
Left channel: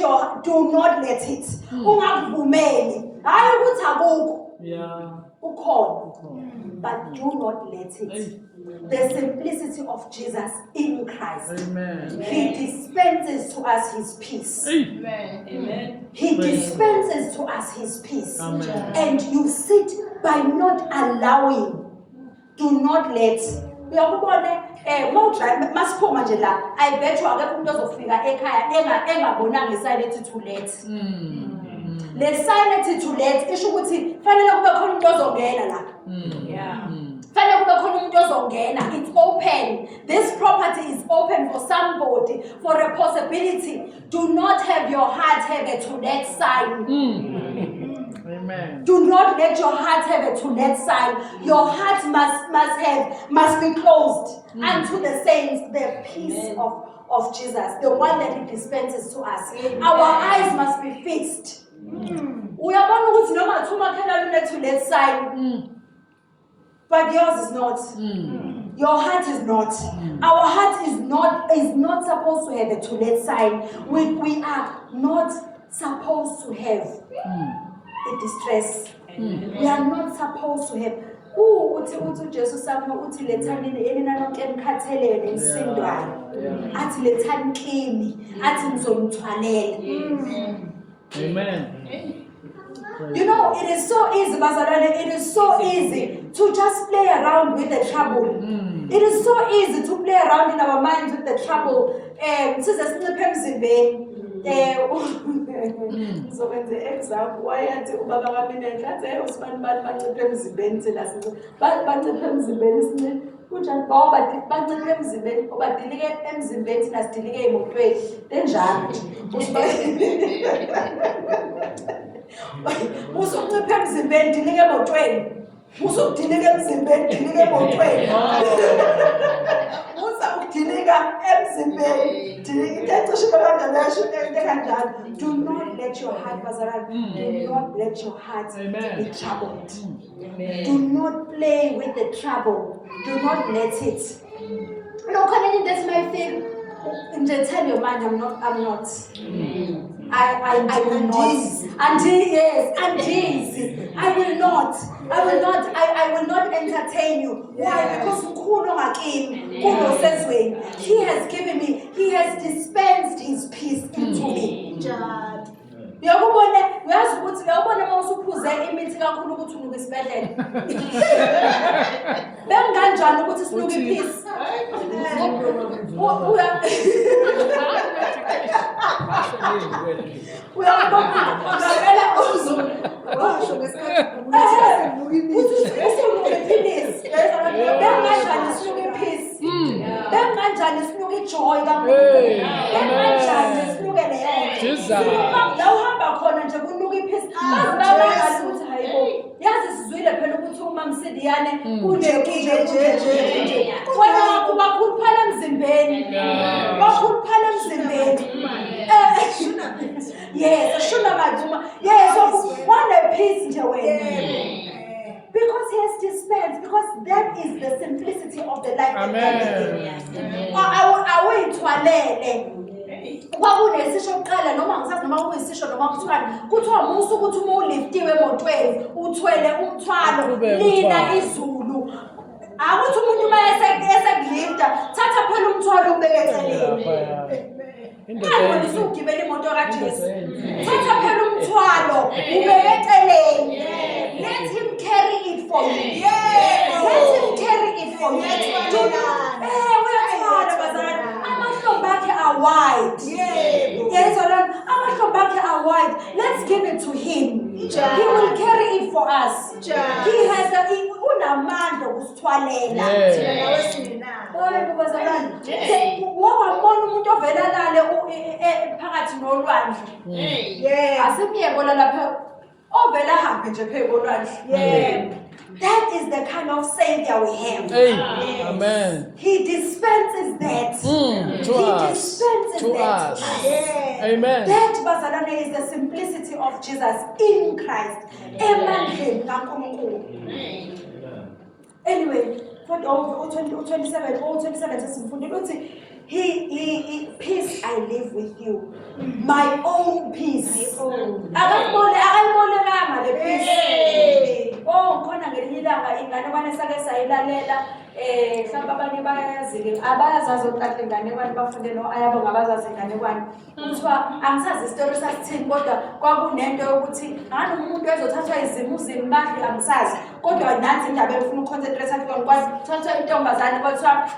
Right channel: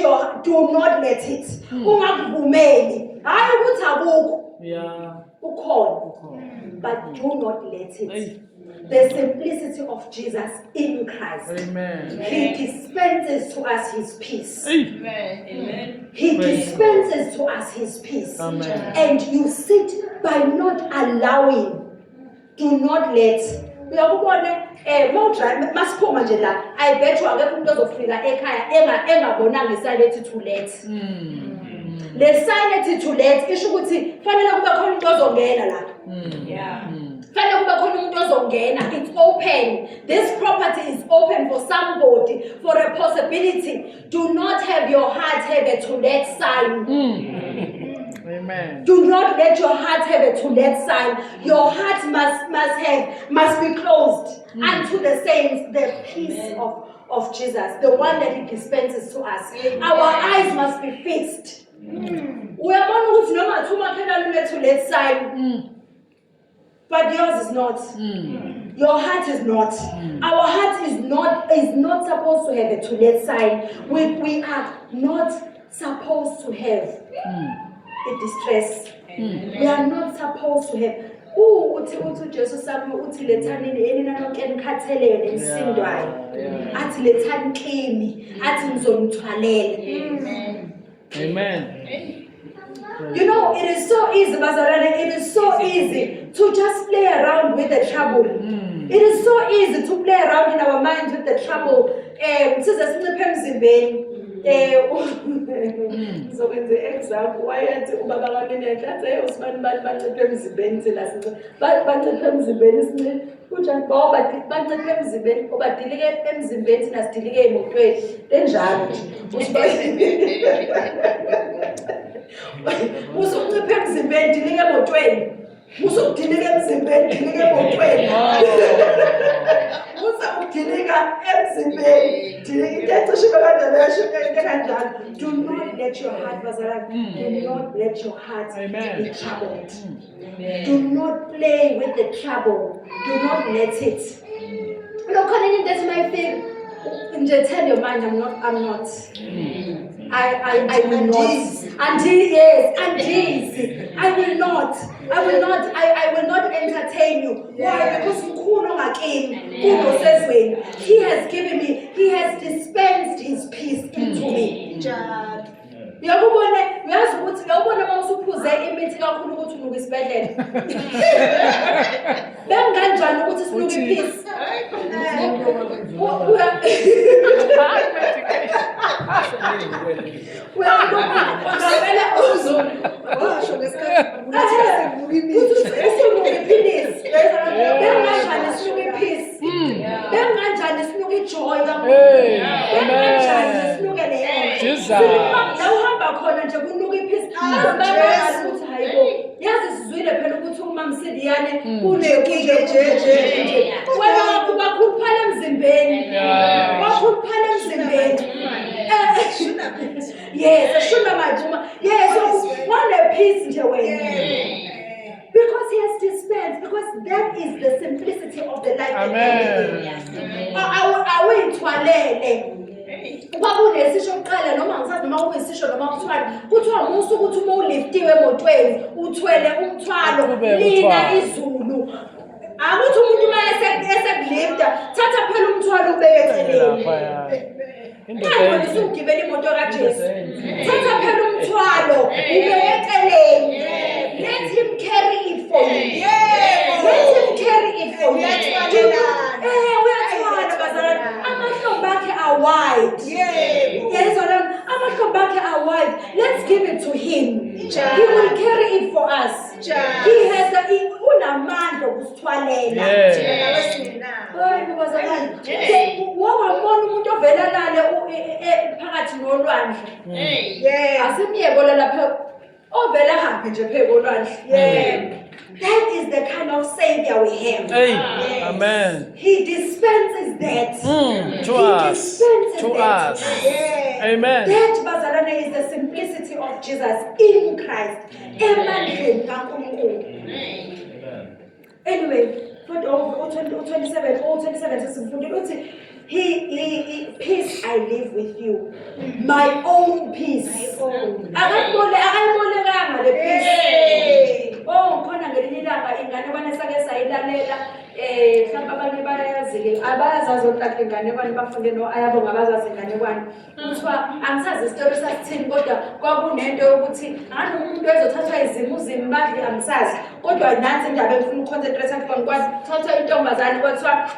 it. Ungakuvumeli. Hayi ukuthi akukho. Yeah. Ukhona. But do not let it. The simplicity of Jesus in Christ. Amen. He dispenses to us his peace. Amen. He dispenses to us his peace. Amen. And you sit by not allowing. Do not let. Uyakubona masiphuma nje la, I bet you akekho umuntu ozofika ekhaya engabonanga isayini ethi to let. Le sign ethi to let isho ukuthi fanele kube khona umuntu ozongena la. Yeah. Fanele kube khona umuntu ozongena. It's open. This property is open for somebody, for a possibility. Do not have your heart have a to let sign. Amen. Do not let your heart have a to let sign. Your heart must be closed unto the saints, the peace of Jesus, the one that he dispenses to us. Amen. Our eyes must be fixed. Uyabona ukuthi noma thuma khona lune to let sign. But yours is not. Your heart is not. Our heart is not supposed to have a to let sign. We are not supposed to have a distress. We are not supposed to have. Uthi Jesus sami uthi lethani enina nonke enikhathelele nisindwayo. Athi lethani kimi, athi ngizomthwalela. Amen. You know, it is so easy, Bazarane, it is so easy to just play around with the trouble. It is so easy to play around in our minds with the trouble. So when the exam, why at Ubaba Cabinet, that's a husband, but the bench and as but the Pems in Benson, which are Bob, but the Pems in Ben, but delegate Pems in Benson as delegate of trade, then Jan, which who's on the Pems in Ben, delegate of trade. Who's on delegates in bed, delegate of trade. Who's up delegate Pems in bed, delegate to Sugar and do not let your heart, Bazaran, do not let your heart be troubled. Do not play with the trouble. Do not let it. No, that's my thing. Just tell your mind, I'm not. I will not. I will not entertain you. Why? Because he has given me, he has dispensed his peace into me. Uyakubona uyazi ukuthi uyabona mawusuphuze imithi kakhulu ukuthi unuka isibedlela. Benganjani ukuthi sinuka ipeace? Yazi sizwile phela ukuthi uma msidiyane kunekhuluphala emzimbeni. Bakhuluphala emzimbeni. Yes, shuna majuma. Yes, one piece nje wena. Because he has dispensed, because that is the simplicity of the life. Amen. Awuyithwalele. Kwakunesisho oqala noma ngisazi noma kuyisisho noma kuthiwa musu ukuthi uma uliftiwe emotweni uthwele umthwalo lina izulu. Akuthi umuntu uma esekulifta thatha phela umthwalo ubeke eceleni. Hayi usugibela imoto kaJesu. Thatha phela umthwalo ubeke eceleni. Let him carry it for you. Let him carry it for you. Uyathwala bazalwane. Amahlombe akhe are wide. Yes, amahlombe akhe are wide. Let's give it to him. He will carry it for us. He has unamandla okusithwalela. Hayi bazalwane. Wawabona umuntu ovela lale phakathi nolwandle. Asimiyebola lapha ovela hambe nje pheko olwandle. That is the kind of savior we have. Amen. He dispenses that. To us. To us. Amen. That bazalwane is the simplicity of Jesus in Christ. Emandleni kaNkulunkulu. Anyway, 27 sesimfundile uthi he peace I live with you. My own peace. Akayibolekanga le peace. Khona ngelinye ilanga ingane bane sake sayilalela mhlawumbe abanye bayazi-ke abayazazi otahle inganekwane bafunde no-ayabo ngabazazi inganekwane kuthiwa angisazi isitori sasithini kodwa kwakunento yokuthi angani umuntu ezothathwa izimuzimi badli angisazi kodwa nansi indaba engifuna uconcentrate kuyona kwazi thathwa intombazane kwathiwa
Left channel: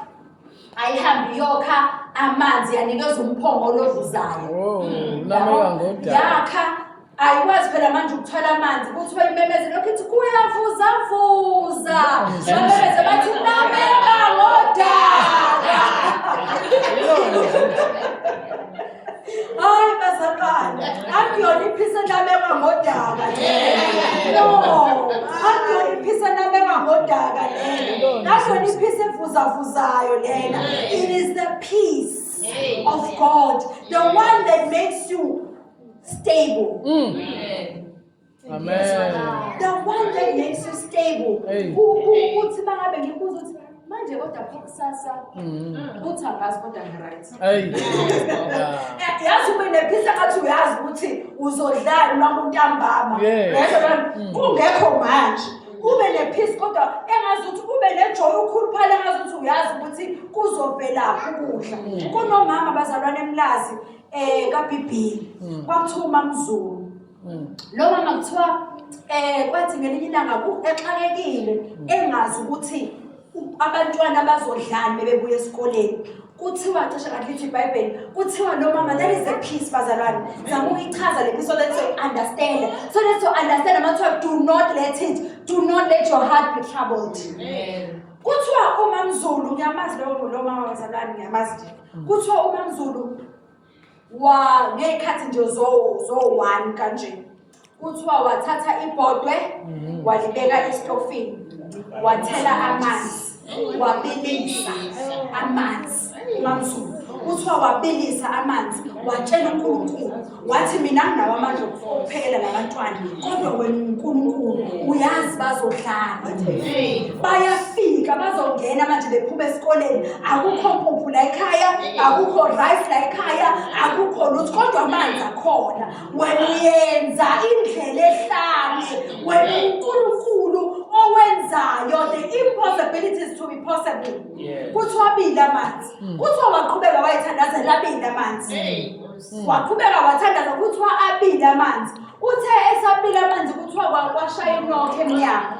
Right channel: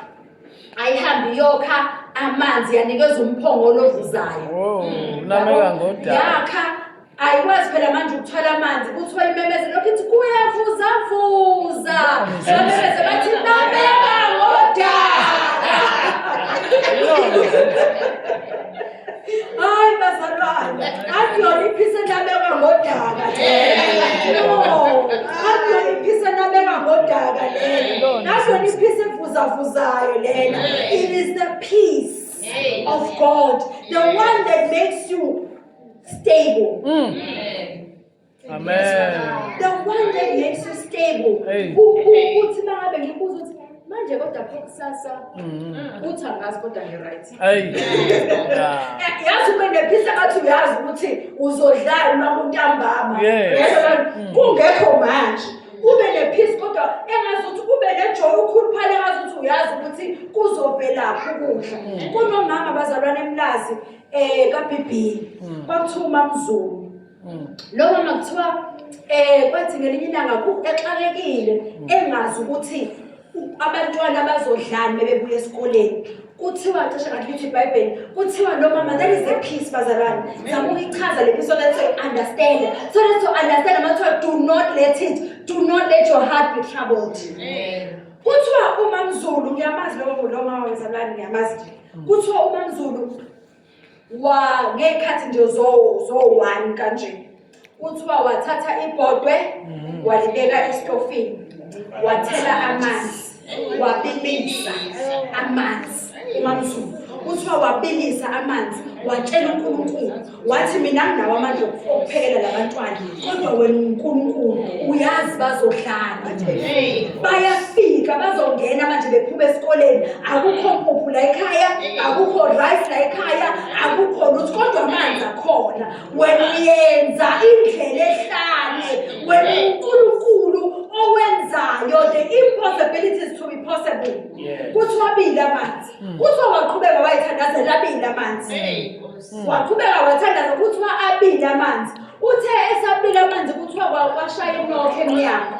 ayihambe iyokha amanzi yanikeza umphongolo ovuzayo. Nameka ngodaba. Yakha ayikwazi phela manje ukuthwala amanzi kuthiwa imemeze lokho ithi kuyavuza. Bamemeze bathi nameka ngodaba. Hayi bazalwane, akuyona iphisa nameka ngodaba. No, akuyona iphisa nameka ngodaba lena. Akuyona iphisa evuzavuzayo lena. It is the peace of God, the one that makes you stable. Amen. The one that makes you stable. Uthi mangabe ngibuza uthi manje kodwa kusasa uthi angazi kodwa ngiright. Yazi kunephisa ngathi uyazi ukuthi uzodlala uma untambama. Kungekho manje. Ube nepeace kodwa engazi ukuthi ube nejoy ukhuluphale engazi ukuthi uyazi ukuthi kuzovelaphi ukudla. Kunomama bazalwane emlazi kaBhibhili kwakuthiwa uMamZulu. Lo mama kuthiwa kwathi ngelinye ilanga exakekile engazi ukuthi abantwana bazodlana bebuya esikoleni. Kuthiwa cishe ngathi lithi iBhayibheli kuthiwa lo mama that is the peace bazalwane. Zama ukuyichaza le peace so that you understand. So that you understand manje do not let your heart be troubled. Kuthiwa uMamZulu ngiyamazi lo mama bazalwane ngiyamazi nje. Kuthiwa uMamZulu ngekhathi nje zo 1 kanje. Kuthiwa wathatha ibhodwe walibeka estofini. Wathela amanzi. Wabilisa amanzi. uMamZulu kuthiwa wabilisa amanzi watshela uNkulunkulu wathi mina nginawo amandla okuphela labantwana kodwa wena uNkulunkulu uyazi bazodlala bayafika bazongena manje bephuma esikoleni akukho mpuphu la ekhaya akukho rice la ekhaya akukho lutho kodwa amanzi akhona wena uyenza indlela ehlane wena uNkulunkulu owenzayo the impossibilities to be possible kuthiwa bila amanzi kuthiwa waqhubeka wayithandazela abila amanzi waqhubeka wathandaza kuthiwa abila amanzi uthe esabila amanzi kuthiwa kwashaya inokho emnyango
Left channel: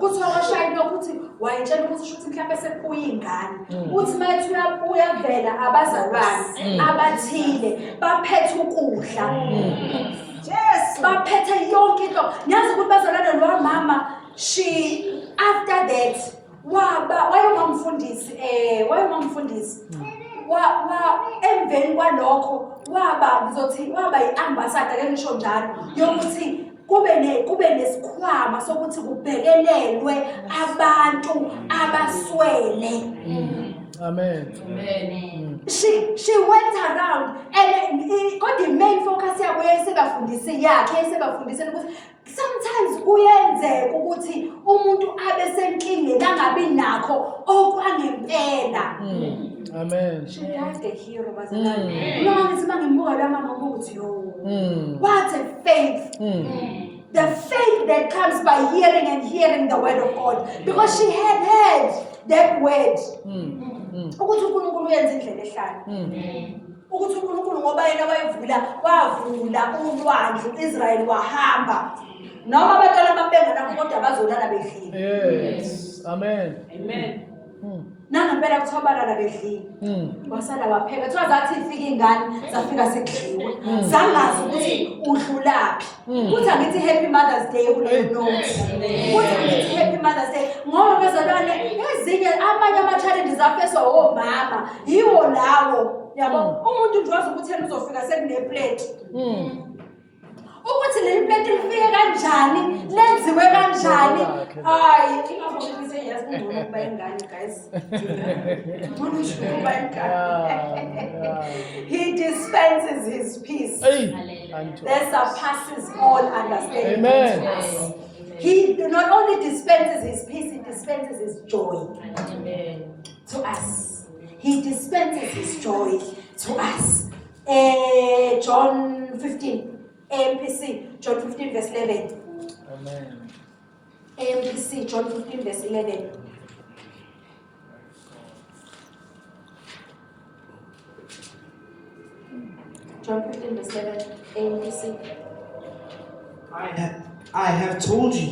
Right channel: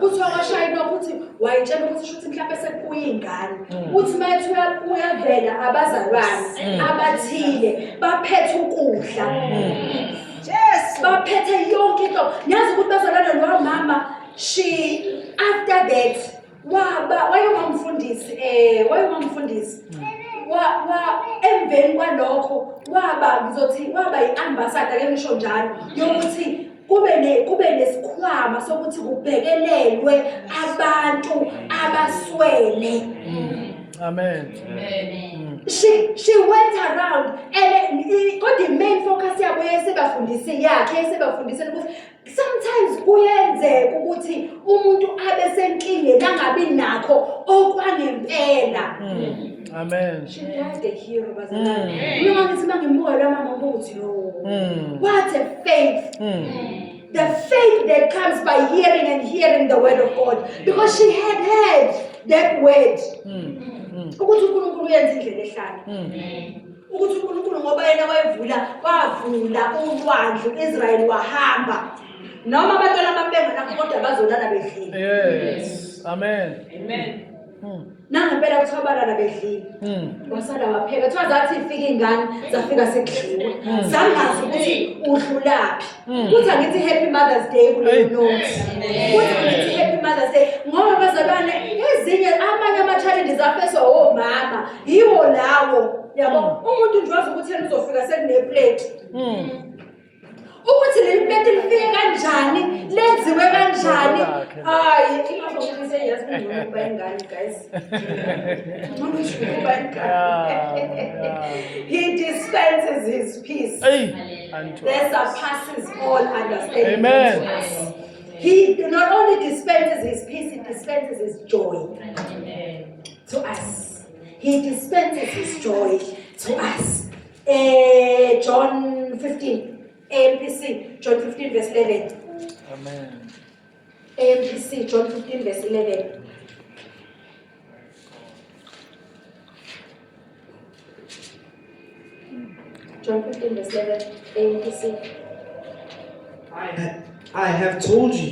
kuthiwa kwashaya inokho uthi wayitshela ukuthi shuthi mhlawumbe sekubuya ingane uthi mayethi uyavela abazalwane abathile baphethe ukudla baphethe yonke into nyazi ukuthi bazalwane lo mama she after that wayomamfundisi emveni kwalokho waba yi-ambassador ke ngisho njalo yokuthi kube nesikhwama sokuthi kubhekelelwe abantu abaswele Amen. Amen. She went around and got the main focus yabo yesebafundise yakhe yesebafundiseni ukuthi sometimes kuyenzeka ukuthi umuntu abe senkingeni angabi nakho okwangempela. Amen. She died a hero bazalwane. Noma ngithi mangimbuka la mama ukuthi lo. What a faith. The faith that comes by hearing and hearing the word of God, because she had heard that word. Ukuthi uNkulunkulu uyenza indlela ehlala. Ukuthi uNkulunkulu ngoba yena wavula ulwandle uIsrael wahamba. Noma abantwana bambenga nakho kodwa bazolala bedlile. Yes. Amen. Amen. Nangempela kuthobalana bedlile. Wasala wapheka. Kuthiwa zathi ifika ingane zafika sekudliwe. Zangazi ukuthi udlulaphi. Kuthi angithi happy Mother's Day kuleyo note. Kuthi angithi happy Mother's Day ngoba bazalwane ezinye amanye ama-challenges afeswa omama yiwo lawo. Yabo umuntu nje wazi ukuthi yena uzofika sekuneplate. Ukuthi le plate lifike kanjani lenziwe kanjani hayi ingabonise yazi kungcono kuba ingane guys. He dispenses his peace that surpasses all understanding. Amen. He not only dispenses his peace, he dispenses his joy to us. He dispenses his joy to us. John 15. AMPC, John 15 verse 11. Amen. AMPC, John 15 verse 11. John 15 verse 11. AMPC. I have told you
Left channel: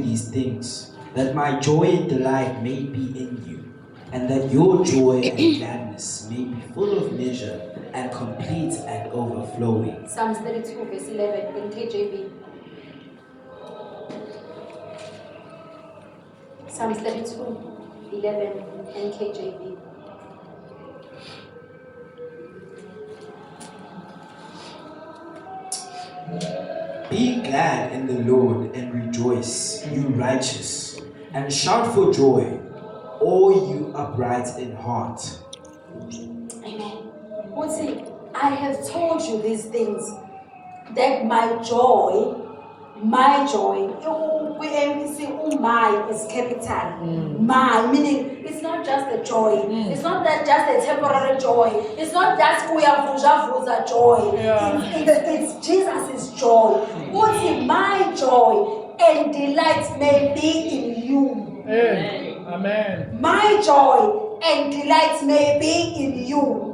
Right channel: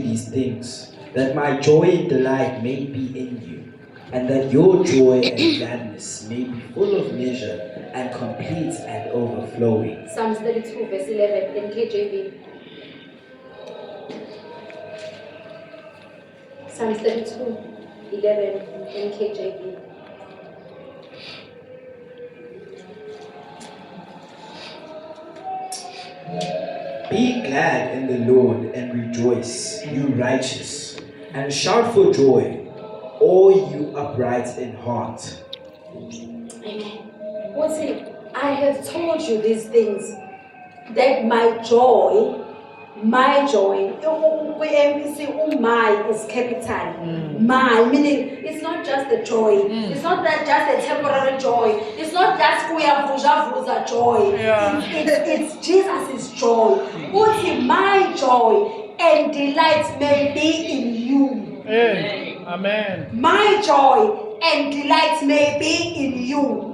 these things, that my joy and delight may be in you, and that your joy and gladness may be full of measure and complete and overflowing. Psalms 32 verse 11 in KJV. Psalms 32, 11 in KJV. Be glad in the Lord and rejoice, you righteous, and shout for joy, all you upright in heart. Amen. What's it? I have told you these things, that my joy, MPC, my is capital. My, meaning it's not just a joy. It's not that just a temporary joy. It's not just vuja joy. It's Jesus' joy. What's it? My joy and delight may be in you. Amen. My joy and delight may be in you.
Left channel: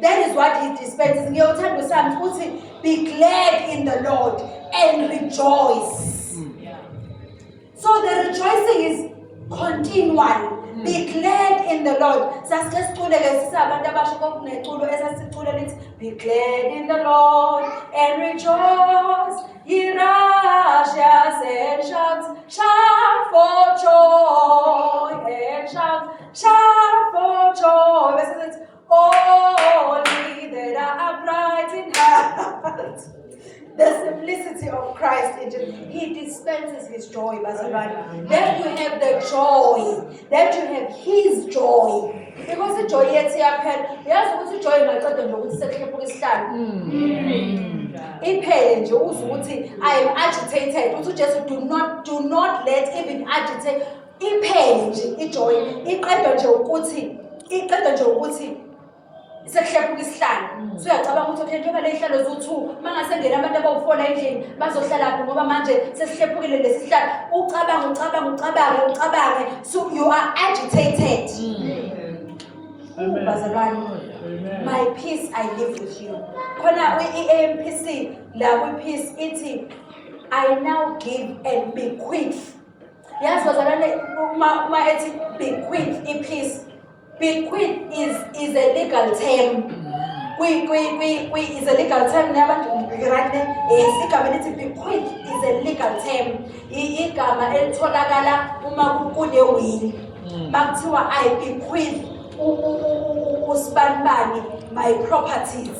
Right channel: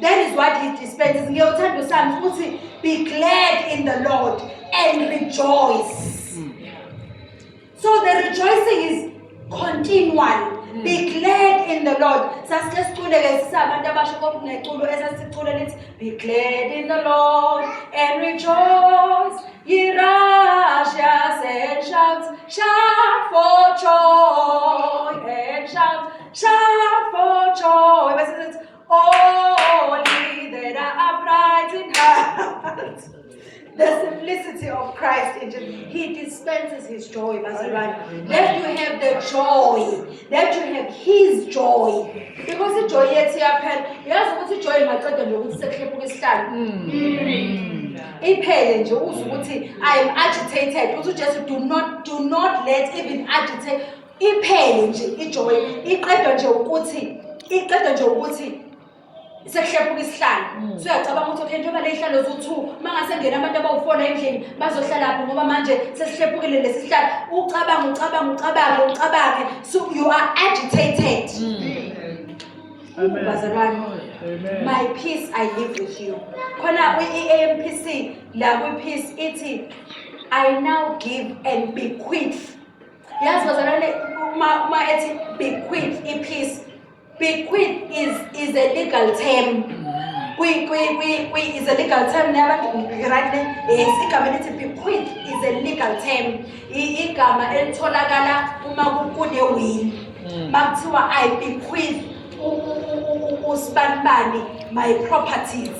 That is what he dispenses. Ngiyothanda uSams uthi be glad in the Lord and rejoice. So the rejoicing is continual. Be glad in the Lord. Sasike sicule ke sisabantu abasho kokuneculo esasicule lithi be glad in the Lord and rejoice. Ye righteous and shout for joy and shout for joy. Bese sithi all ye that are upright in heart. The simplicity of Christ, he dispenses his joy, Bazalwane. That you have the joy, that you have his joy. Because the joy yet here, yes, what's the joy? My God, don't I am agitated. Also, just do not let even agitate. Sekhephula isihlalo so uyacabanga ukuthi okay njengoba le ihlalo zo2 mangasengena abantu abawufona endlini bazohlala lapho ngoba manje sesihlephukile lesihlalo ucabange so you are agitated. Amen. My peace I live with you. Khona iAMPC la kwi peace ithi I now give and bequeath. Yazi bazalwane uma ethi bequeath ipeace. Bequeath is a legal term. Is a legal term. Bequeath is a legal term. Igama elitholakala uma kune will. Bakuthiwa I bequeath uSibanibani my properties.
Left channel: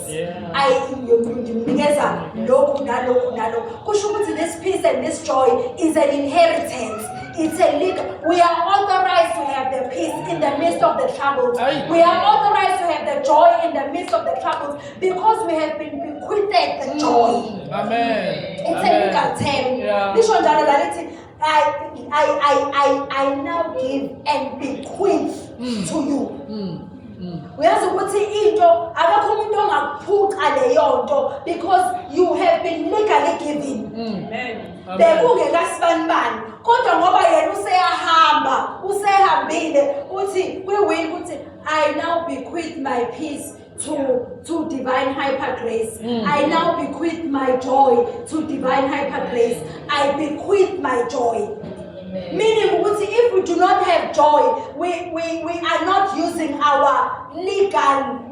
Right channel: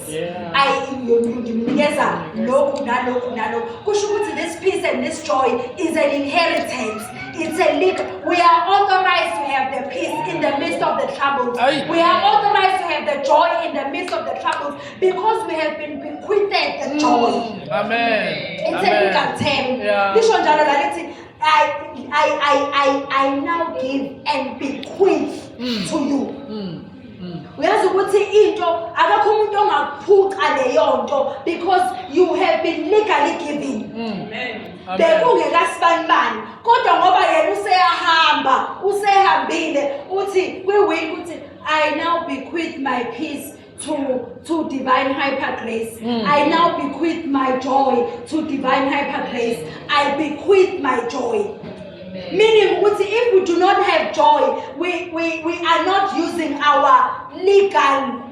I ngimnikeza lokhu nalokhu. Kusho ukuthi this peace and this joy is an inheritance. It's a legal. We are authorized to have the peace in the midst of the troubles. Aye. We are authorized to have the joy in the midst of the troubles because we have been bequeathed the joy. Amen. It's a legal Amen. term. Yeah. Lisho njalo la lithi, I now give and bequeath to you. Uyazi ukuthi into akakho umuntu ongaphuca leyo nto because you have been legally given. Amen. Bekungekasibanibani kodwa ngoba yena usehambile uthi kwi-will uthi I now bequeath my peace to divine hyper grace. I now bequeath my joy to divine hyper grace. I bequeath my joy. Meaning if we do not have joy, we are not using our legal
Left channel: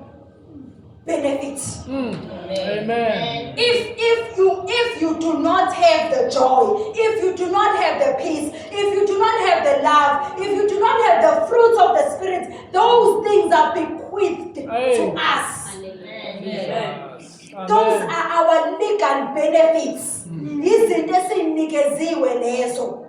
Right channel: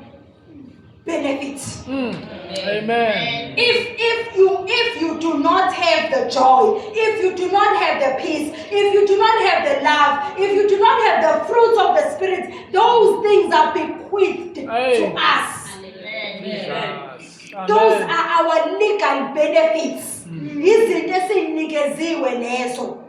benefits. Amen. If you do not have the joy, if you do not have the peace, if you do not have the love, if you do not have the fruits of the Spirit, those things are bequeathed to us. Jesus. Those Amen. are our legal benefits. Izinto esinikeziwe lezo.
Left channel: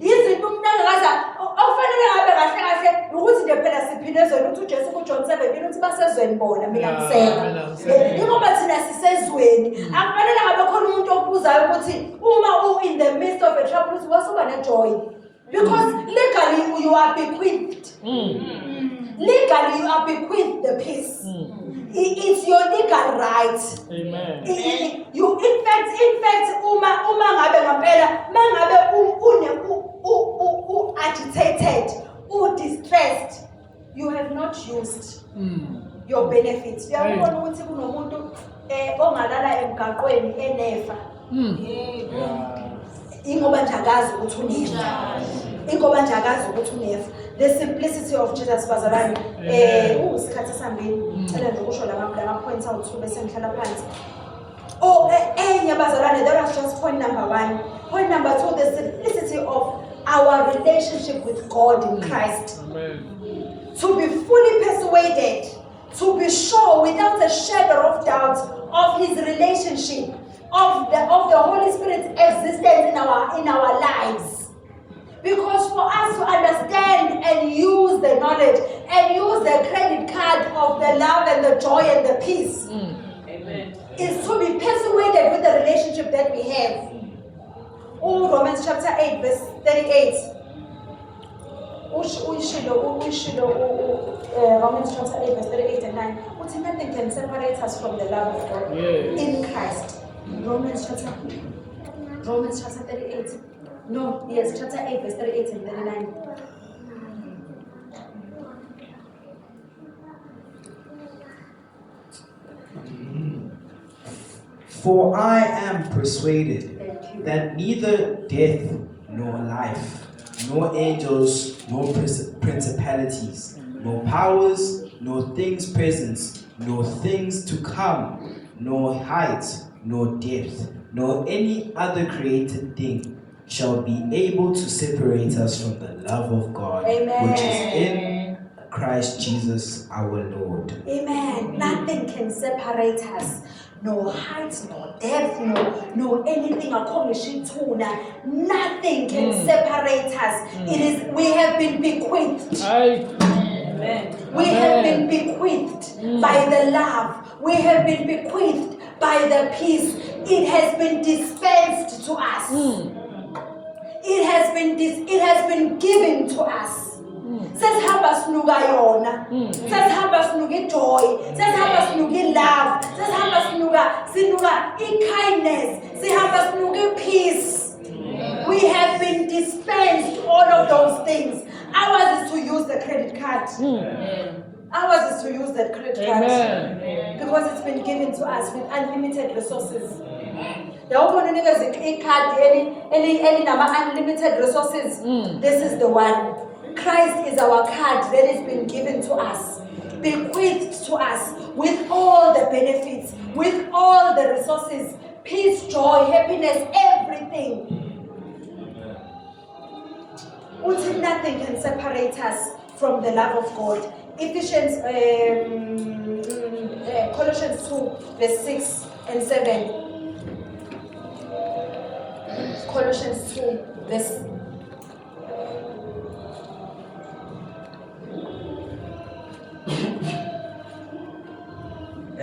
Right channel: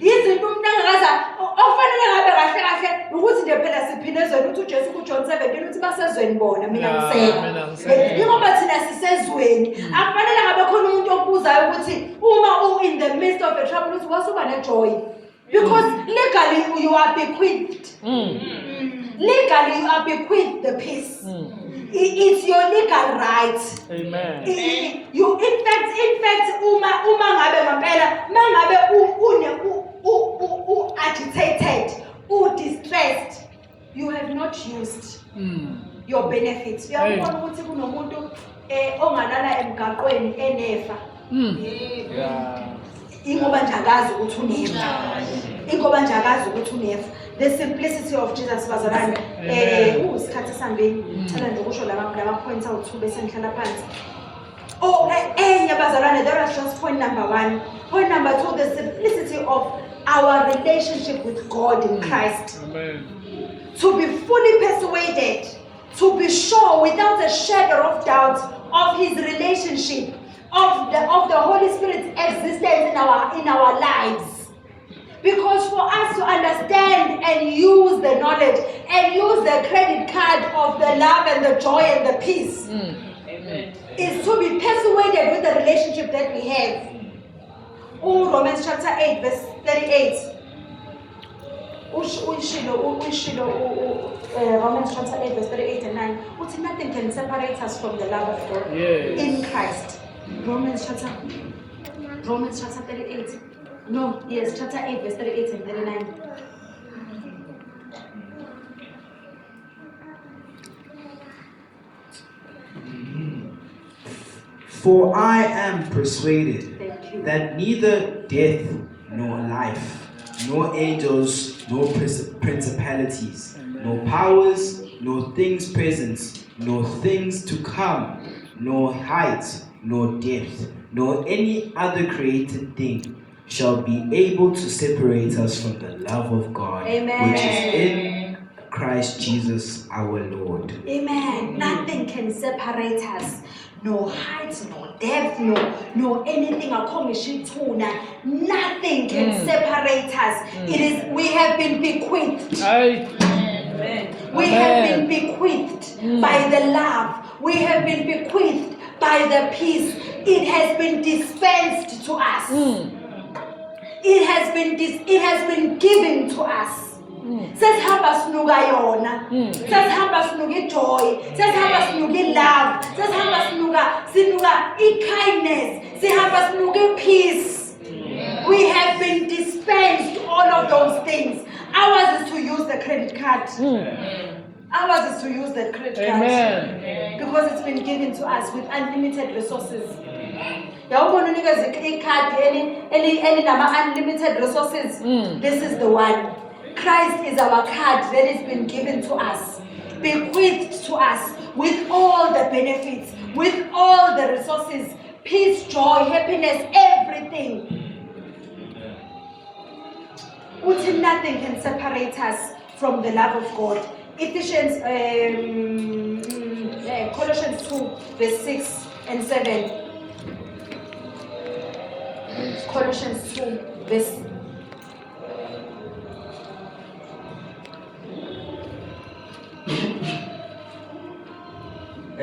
Izinto umuntu angaza ofanele ngabe kahle kahle ukuthi nje phela siphindezweni uthi uJesu kuJohn 17 uthi basezweni bona mina Yeah, ngiseka. mina ngiseka. Ngoba thina sisezweni akufanele ngabe khona umuntu obuzayo ukuthi uma in the midst of a trouble uthi wasuba nejoy because legally you are bequeathed. Legally you are bequeathed the peace. It's your legal right. Amen. You in fact uma ngabe ngempela mangabe agitated, distressed, you have not used your benefits. Uyabona ukuthi kunomuntu ongalala emgaqweni enefa. Yeah. Ingoba nje akazi ukuthi unefa. Ingoba nje akazi ukuthi unefa. The simplicity of Jesus bazalwane usikhathi sambini cela nje ukusho lama points awu2 bese ngihlala phansi. Enye bazalwane, there was just point number 1. Point number 2, the simplicity of our relationship with God in Christ. Amen. To be fully persuaded, to be sure without a shadow of doubt of His relationship, of the Holy Spirit's existence in our lives. Because for us to understand and use the knowledge and use the credit card of the love and the joy and the peace is to be persuaded with the relationship that we have. Romans chapter 8 verse 38. Romans chapter 8 verse 38 and 9. Nothing can separate us from the love of God in Christ. Romans chapter 38. No, yes, chapter 8 verse 38 and 39. For I am persuaded Thank you. that neither death nor life, nor angels, nor principalities, nor powers, nor things present, nor things to come, nor height, nor depth, nor any other created thing shall be able to separate us from the love of God, Amen. which is in Christ Jesus our Lord. Amen. Nothing can separate us. No height, no depth, no anything. Nothing can separate us. We have been bequeathed. Amen. We have been bequeathed by the love. We have been bequeathed by the peace. It has been dispensed to us. It has been given to us. Sesihamba sinuka yona. Sesihamba sinuka joy. Sesihamba sinuka love. Sesihamba sinuka kindness. Sesihamba sinuka peace. We have been dispensed all of those things. Ours is to use the credit card. Ours is to use the credit card. Amen. Because it's been given to us with unlimited resources. Yawubona unikeza ikhadi elinama unlimited resources. This is the one. Christ is our card that has been given to us, bequeathed to us with all the benefits, with all the resources, peace, joy, happiness, everything. Nothing can separate us from the love of God. Colossians 2 verse 6 and 7. Colossians 2 verse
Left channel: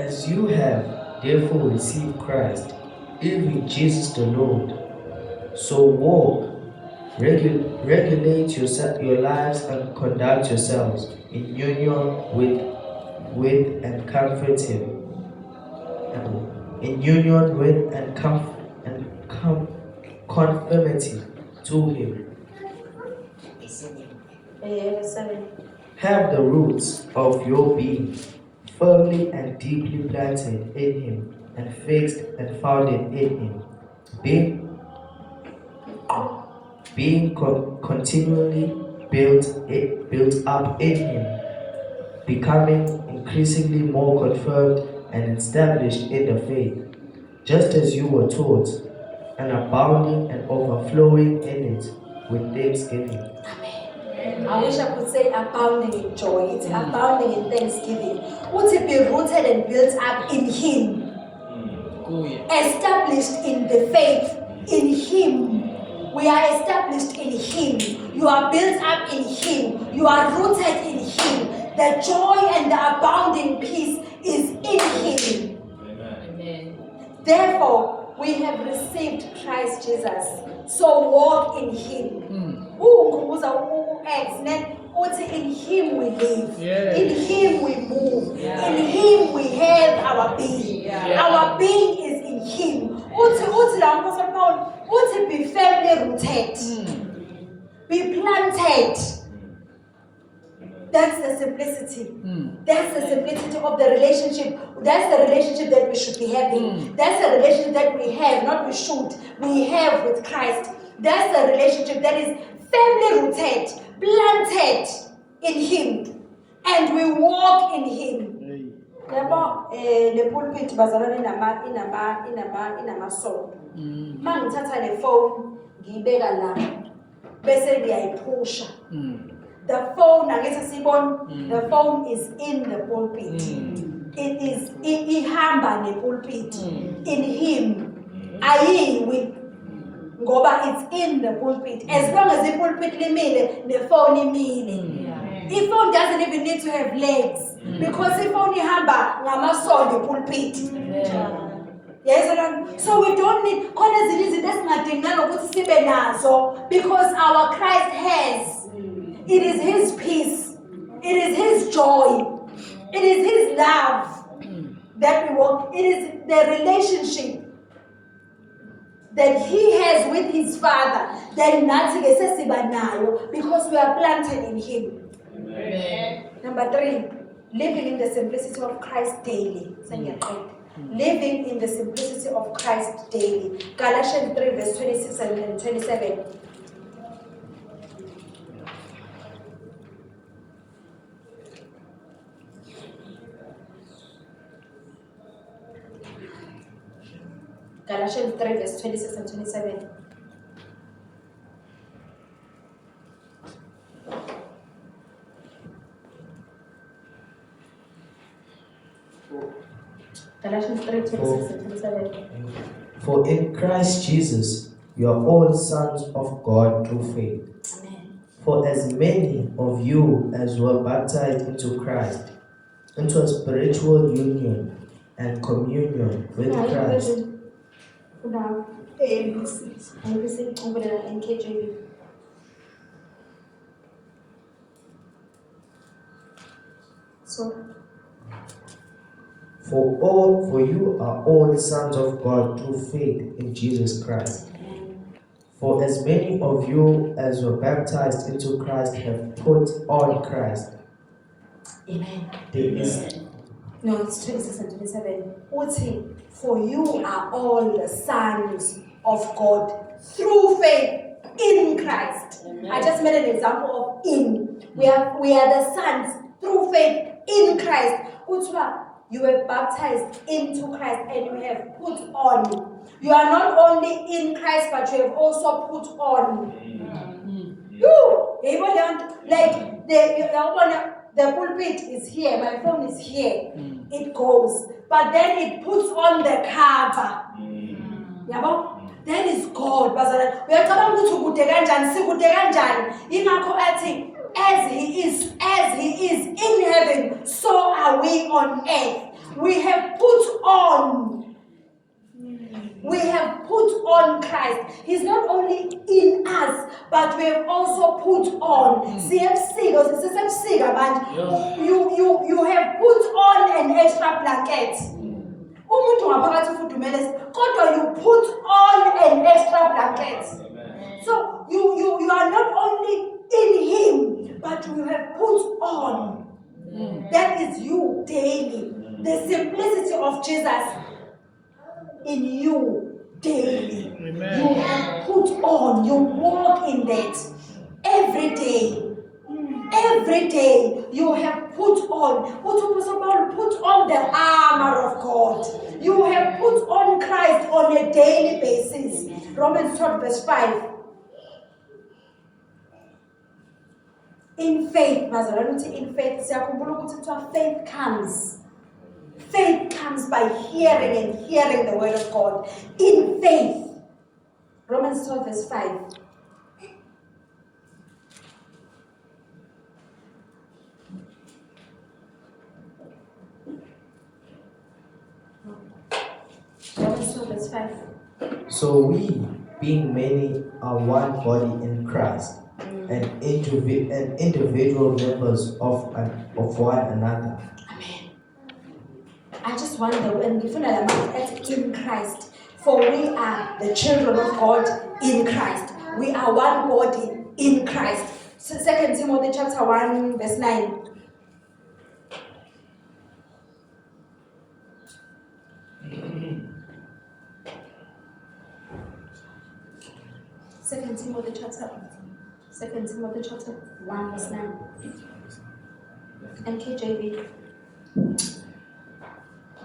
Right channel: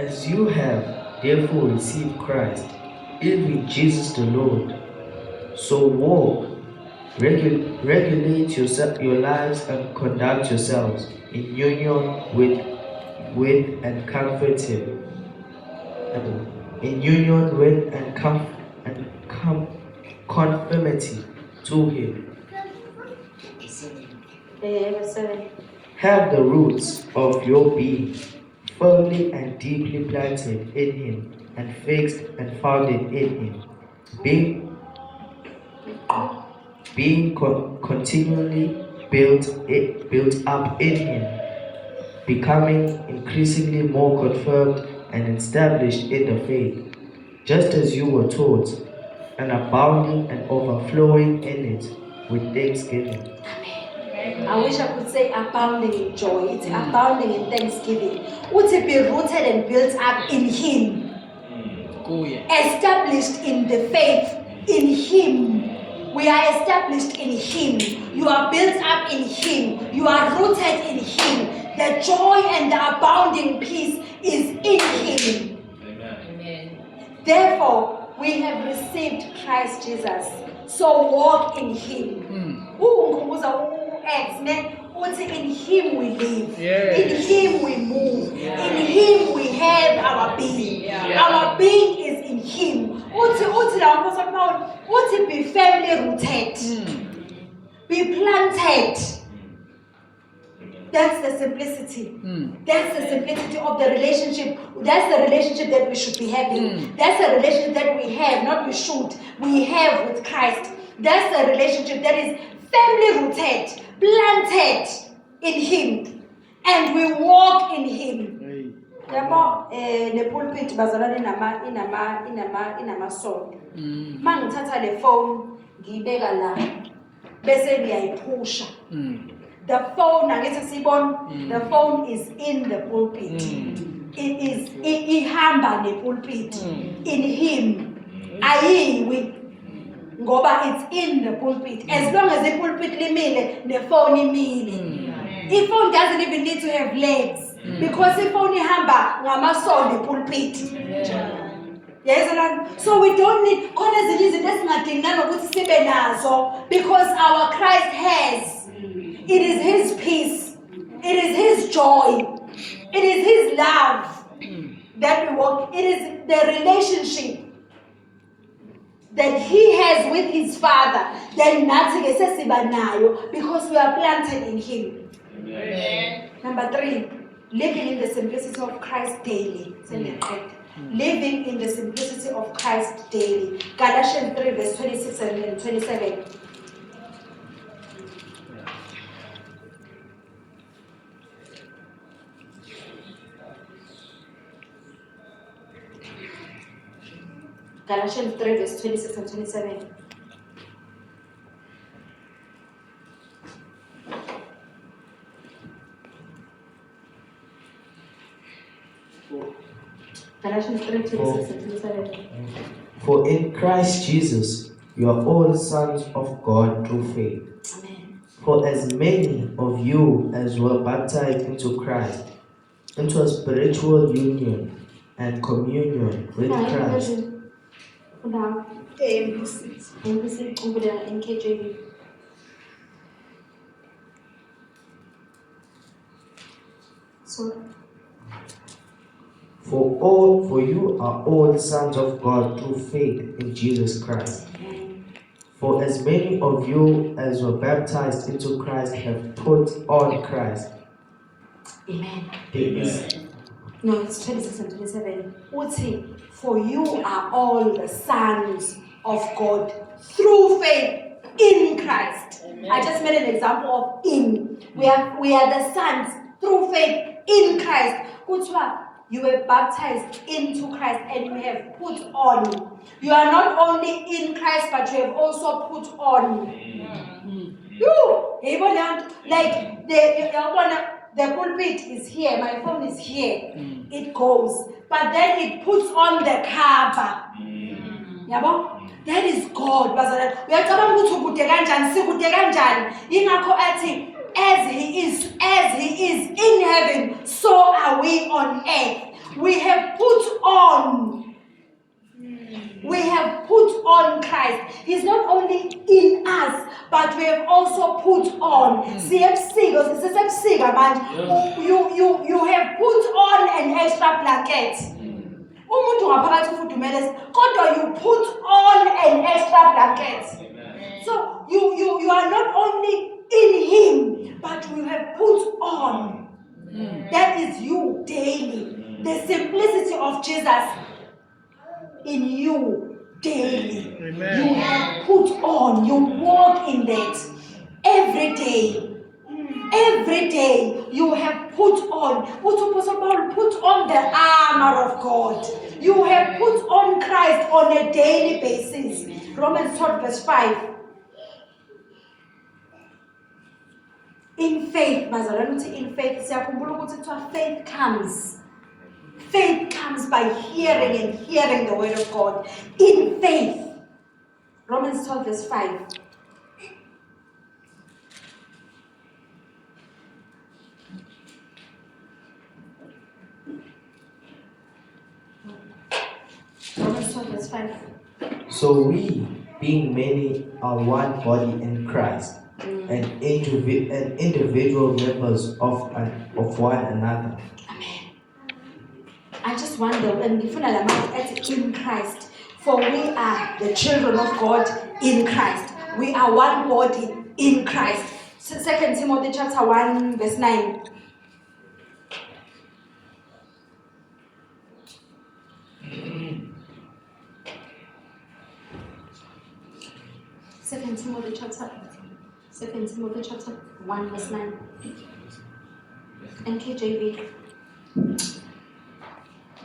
As you have therefore received Christ, even Jesus the Lord, so walk, regulate your lives and conduct yourselves in union with and comfort Him. In union with and conformity to Him. Verse 7. Have the roots of your being firmly and deeply planted in Him and fixed and founded in Him, being continually built up in Him, becoming increasingly more confirmed and established in the faith, just as you were taught, and abounding and overflowing in it with thanksgiving. I wish I could say abounding in joy. It's abounding in thanksgiving. Would it be rooted and built up in Him? Established in the faith in Him. We are established in Him. You are built up in Him. You are rooted in Him. The joy and the abounding peace is in Him. Amen. Therefore, we have received Christ Jesus. So walk in Him. In Him we live. Yes. In Him we move. In Him we have our being. Our being is in Him. Be firmly rooted. Be planted. That's the simplicity. That's the simplicity of the relationship. That's the relationship that we should be having. That's the relationship that we have, not we should. We have with Christ. That's the relationship that is firmly rooted, planted in Him, and we walk in Him. The pulpit bazalwane inama sound. Mangithatha le phone ngiyibeka la bese ngiyayiphusha. The phone, the phone is in the pulpit. It is ihamba ne pulpit in Him. Ayiwi ngoba it's in the pulpit. As long as the pulpit limile, the phone imile. The phone doesn't even need to have legs because the phone ihamba ngamasondo the pulpit. Yes, so we don't need because our Christ has. It is His peace. It is His joy. It is His love that we walk. It is the relationship that He has with His Father that nothing is because we are planted in Him. Amen. Number 3, living in the simplicity of Christ daily. Living in the simplicity of Christ daily. Galatians 3 verse 26 and 27. Galatians 3 verse 26 and 27. Galatians 3 26 and 27. For in Christ Jesus you are all sons of God through faith. Amen. For as many of you as were baptized into Christ, into a spiritual union and communion with Christ. Now, over there in KJV. So, For you are all sons of God through faith in Jesus Christ. For as many of you as were baptized into Christ have put on Christ. Amen. Amen. No, it's 26 and 27. Uthi, for you are all the sons of God through faith in Christ. Amen. I just made an example of in. We are the sons through faith in Christ. Utwa, you were baptized into Christ and you have put on. You are not only in Christ, but you have also put on. Like the pulpit is here, my phone is here. It goes, but then it puts on the cover. Yabo? That is God. Uyacabanga ukuthi ukude kanjani, sikude kanjani. Ingakho athi as he is in heaven, so are we on earth. We have put on. We have put on Christ. He's not only in us, but we have also put on. You have put on an extra blanket. You put on an extra blanket. So you are not only in him, but you have put on. That is you daily. The simplicity of Jesus in you daily. Amen. You have put on, you walk in that every day. Every day you have put on. Put on the armor of God. You have put on Christ on a daily basis. Romans 12 verse 5. In faith, in faith, faith comes. Faith comes by hearing and hearing the word of God. In faith. Romans 12 verse 5. Romans 12 verse 5. So we, being many, are one body in Christ, and individual members of one another. Amen. I just wonder, and in Christ, for we are the children of God in Christ. We are one body in Christ. 2 Timothy chapter 1 verse 9. Second Timothy chapter 1 verse 9. And KJV.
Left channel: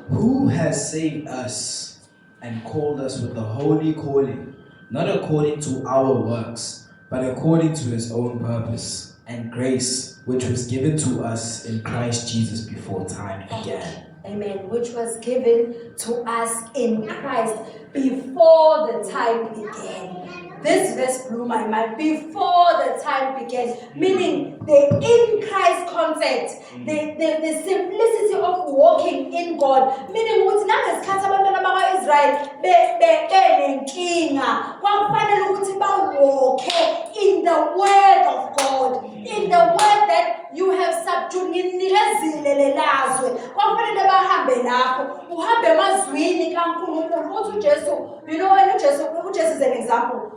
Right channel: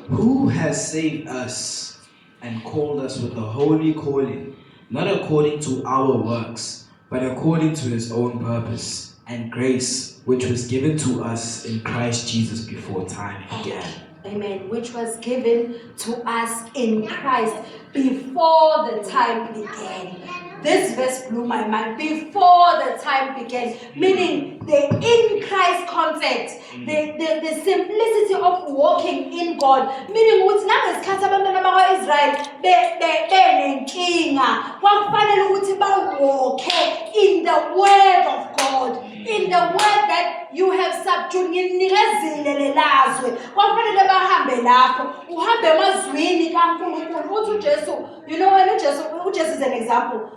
Who has saved us and called us with a holy calling, not according to our works, but according to his own purpose and grace, which was given to us in Christ Jesus before time began. Amen. Which was given to us in Christ before the time began. This verse blew my mind. Before the time began, meaning the in Christ concept, the simplicity of walking in God, meaning what nangesikhathi abantwana bakwa-Israyeli benenkinga kwakufanele ukuthi bawalke in the word of God, in the word that you have subdued. Nginikezile lelazwe kwakufanele bahambe lapho, uhambe emazwini kaNkulunkulu uthi uJesu, you know, when uJesu is an example.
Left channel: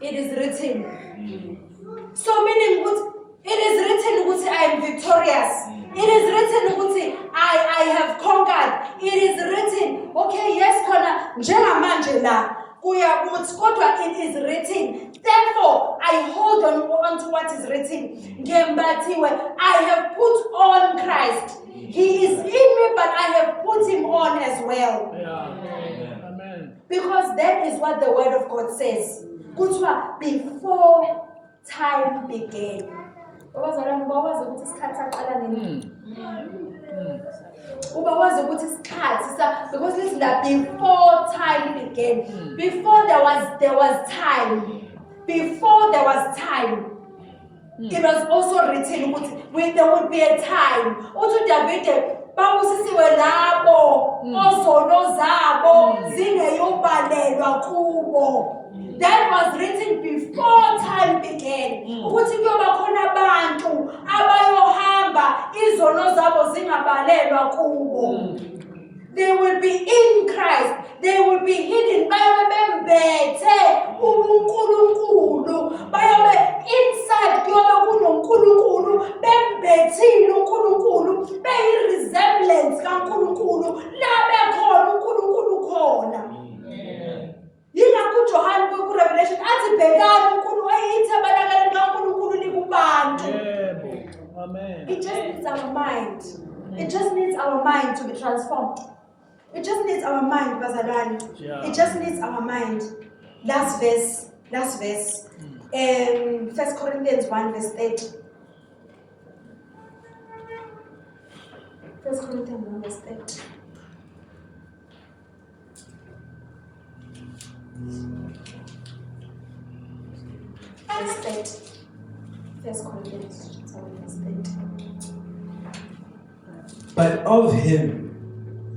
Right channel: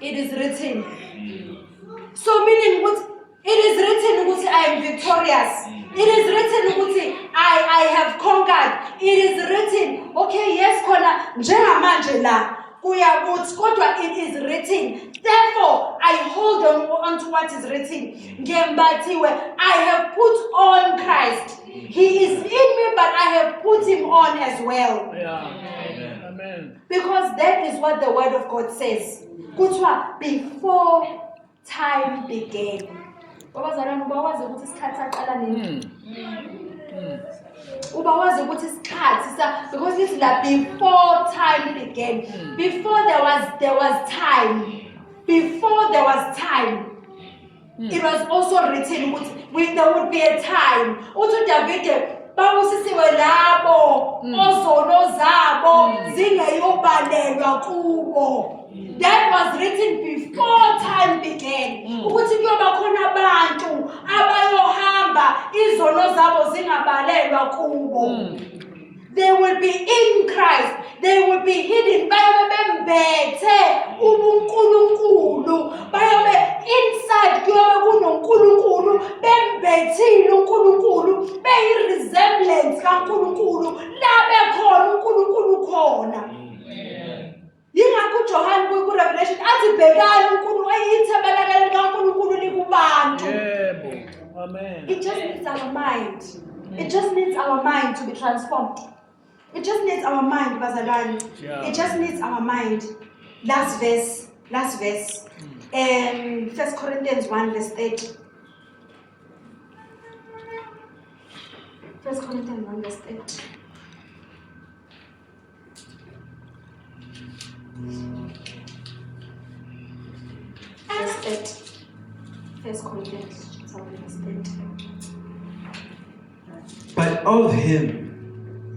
It is written. So meaning it is written I am victorious. It is written I have conquered. It is written, okay, yes, kona njengamanje la kuyakuthi kodwa it is written. Therefore, I hold on to what is written. Ngembathiwe, I have put on Christ. He is in me, but I have put him on as well. Yeah. Amen. Because that is what the word of God says. Kuthiwa before time began. Ubazalwane bakwazi ukuthi isikhathi saqala nini? Ubawazi ukuthi isikhathi because it's like before time began. Before there was time. Before there was time. It was also written there would be a time. Uthi David bawusisiwe labo ozono zabo zingeyobalelwa kubo. That was written before time began. Ukuthi kuyoba khona abantu abayohamba izono zabo zingabalelwa kubo. They will be in Christ. They will be hidden. Bayobe bembethe ubuNkulunkulu. Bayobe inside kuyobe kunoNkulunkulu. Bembethile uNkulunkulu. Beyi-resemblance kaNkulunkulu. La bekhona uNkulunkulu khona. Yingakho uJohane ku-Revelation athi bhekani uNkulunkulu ayithabalakala likaNkulunkulu likubantu. Yebo. Amen. It just needs our mind. It just needs our mind to be transformed. It just needs our mind, bazalwane. Yeah. It just needs our mind. Last verse. 1 Corinthians 1 verse 30. 1 Corinthians 1 verse 30. Verse 30. 1 Corinthians 1 verse 30. But of him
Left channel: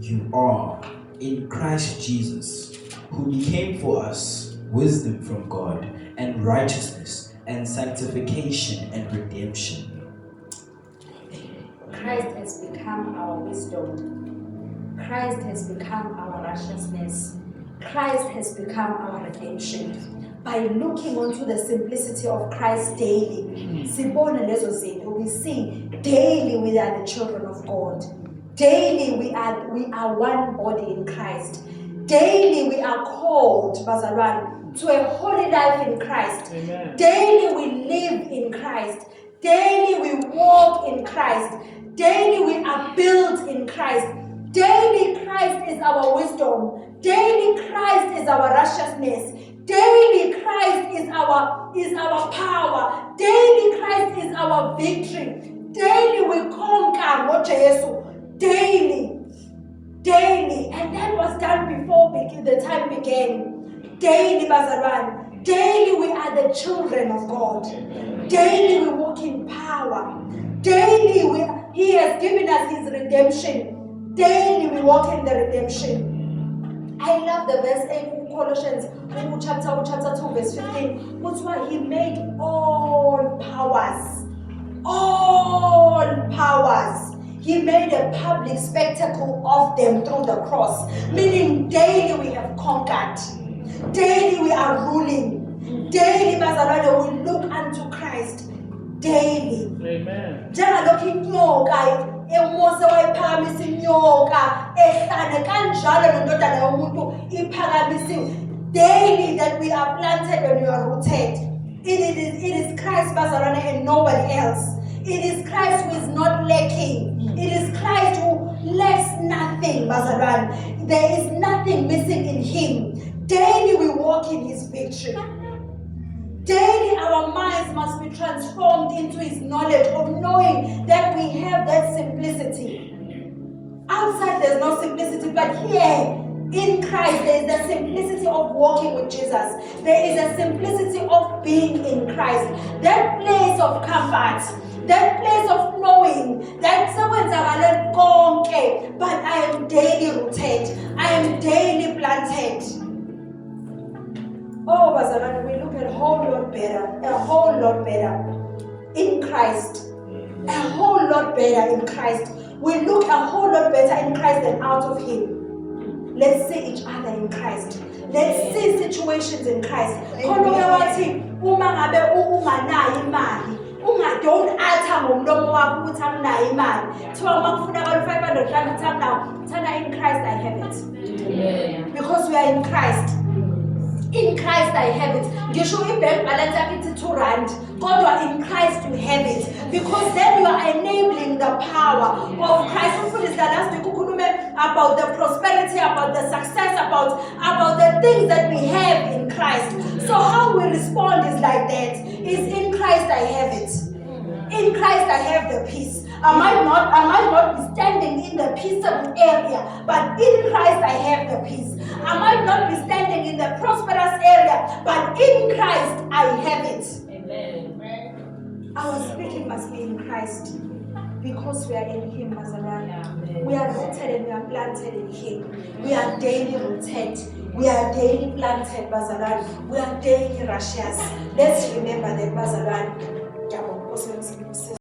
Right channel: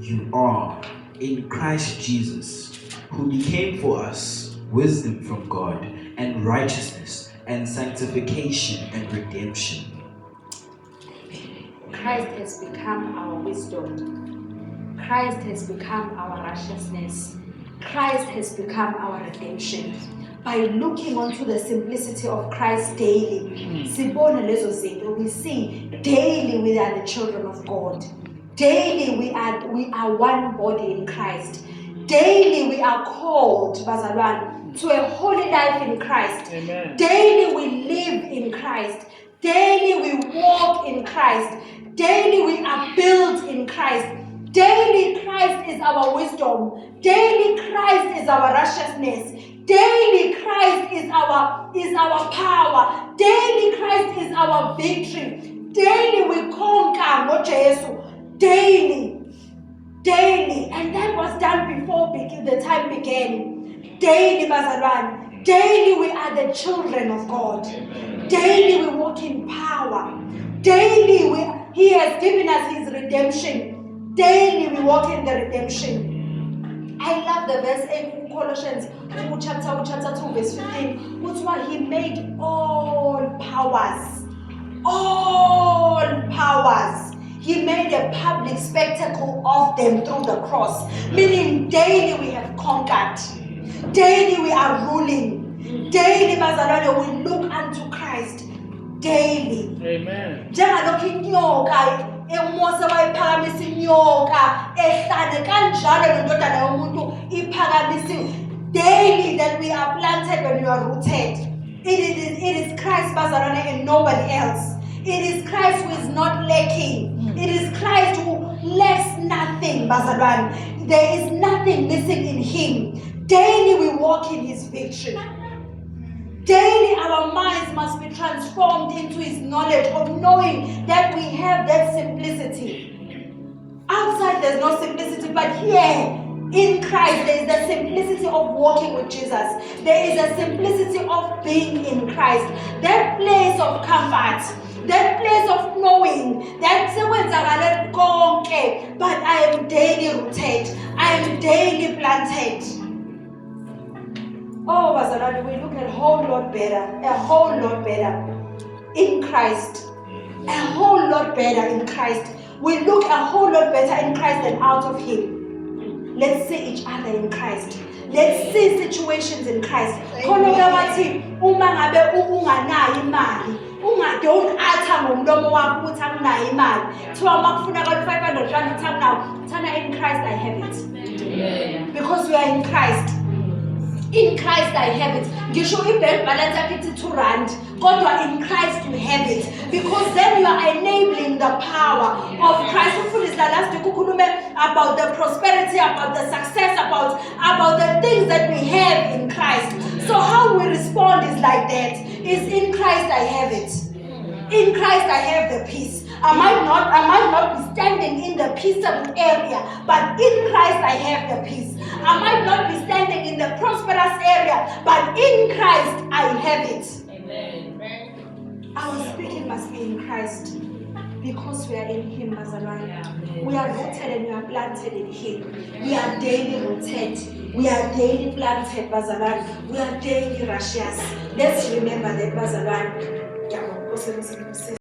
you are in Christ Jesus, who became for us wisdom from God and righteousness and sanctification and redemption. Christ has become our wisdom. Christ has become our righteousness. Christ has become our redemption. By looking onto the simplicity of Christ daily, we see daily we are the children of God. Daily we are one body in Christ. Daily we are called, Bazalwan, to a holy life in Christ. Amen. Daily we live in Christ. Daily we walk in Christ. Daily we are built in Christ. Daily Christ is our wisdom. Daily Christ is our righteousness. Daily Christ is our power. Daily Christ is our victory. Daily we conquer what Jesus. Daily. And that was done before the time began. Daily, Bazalwan. Daily we are the children of God. Daily we walk in power. Daily He has given us His redemption. Daily we walk in the redemption. I love the verse in Colossians chapter 2 verse 15. Which one? He made all powers. All powers. He made a public spectacle of them through the cross. Meaning daily we have conquered. Daily we are ruling. Daily, Bazalwane, we look unto Christ. Daily. Amen. Njengalokhu inyoka emose wayiphakamisa inyoka ehlane kanjalo nendodana yomuntu iphakamisiwe. Daily that we are planted when we are rooted. It is Christ, Bazalwane, and nobody else. It is Christ who is not lacking. It is Christ who lacks nothing, Bazalwane. There is nothing missing in Him. Daily we walk in His victory. Daily our minds must be transformed into His knowledge of knowing that we have that simplicity. Outside there's no simplicity, but here in Christ there is the simplicity of walking with Jesus. There is a simplicity of being in Christ. That place of comfort, that place of knowing that but I am daily rooted. I am daily planted. Oh, Bazalwane, we look a whole lot better in Christ. A whole lot better in Christ. We look a whole lot better in Christ than out of Him. Let's see each other in Christ. Let's see situations in Christ. Don't utter ngomlomo wakho ukuthi anginayo imali. Thiwa makufunakala 500 rand uthi anginayo. Thana in Christ I have it. Because we are in Christ. In Christ I have it. Ngisho i-bank balance yakho ithi 2 rand. Kodwa in Christ you have it. Because then you are enabling the power of Christ. Umfundisi last week ukhulume about the prosperity, about the success, about the things that we have in Christ. So how we respond is like that. Is in Christ I have it. In Christ I have the peace. I might not be standing in the peaceable area, but in Christ I have the peace. I might not be standing in the prosperous area, but in Christ I have it. Amen. Our speaking must be in Christ, because we are in Him, Bazalwane. We are rooted and we are planted in Him. We are daily rooted. We are daily planted, Bazalwane. We are daily righteous. Let's remember that, Bazalwane.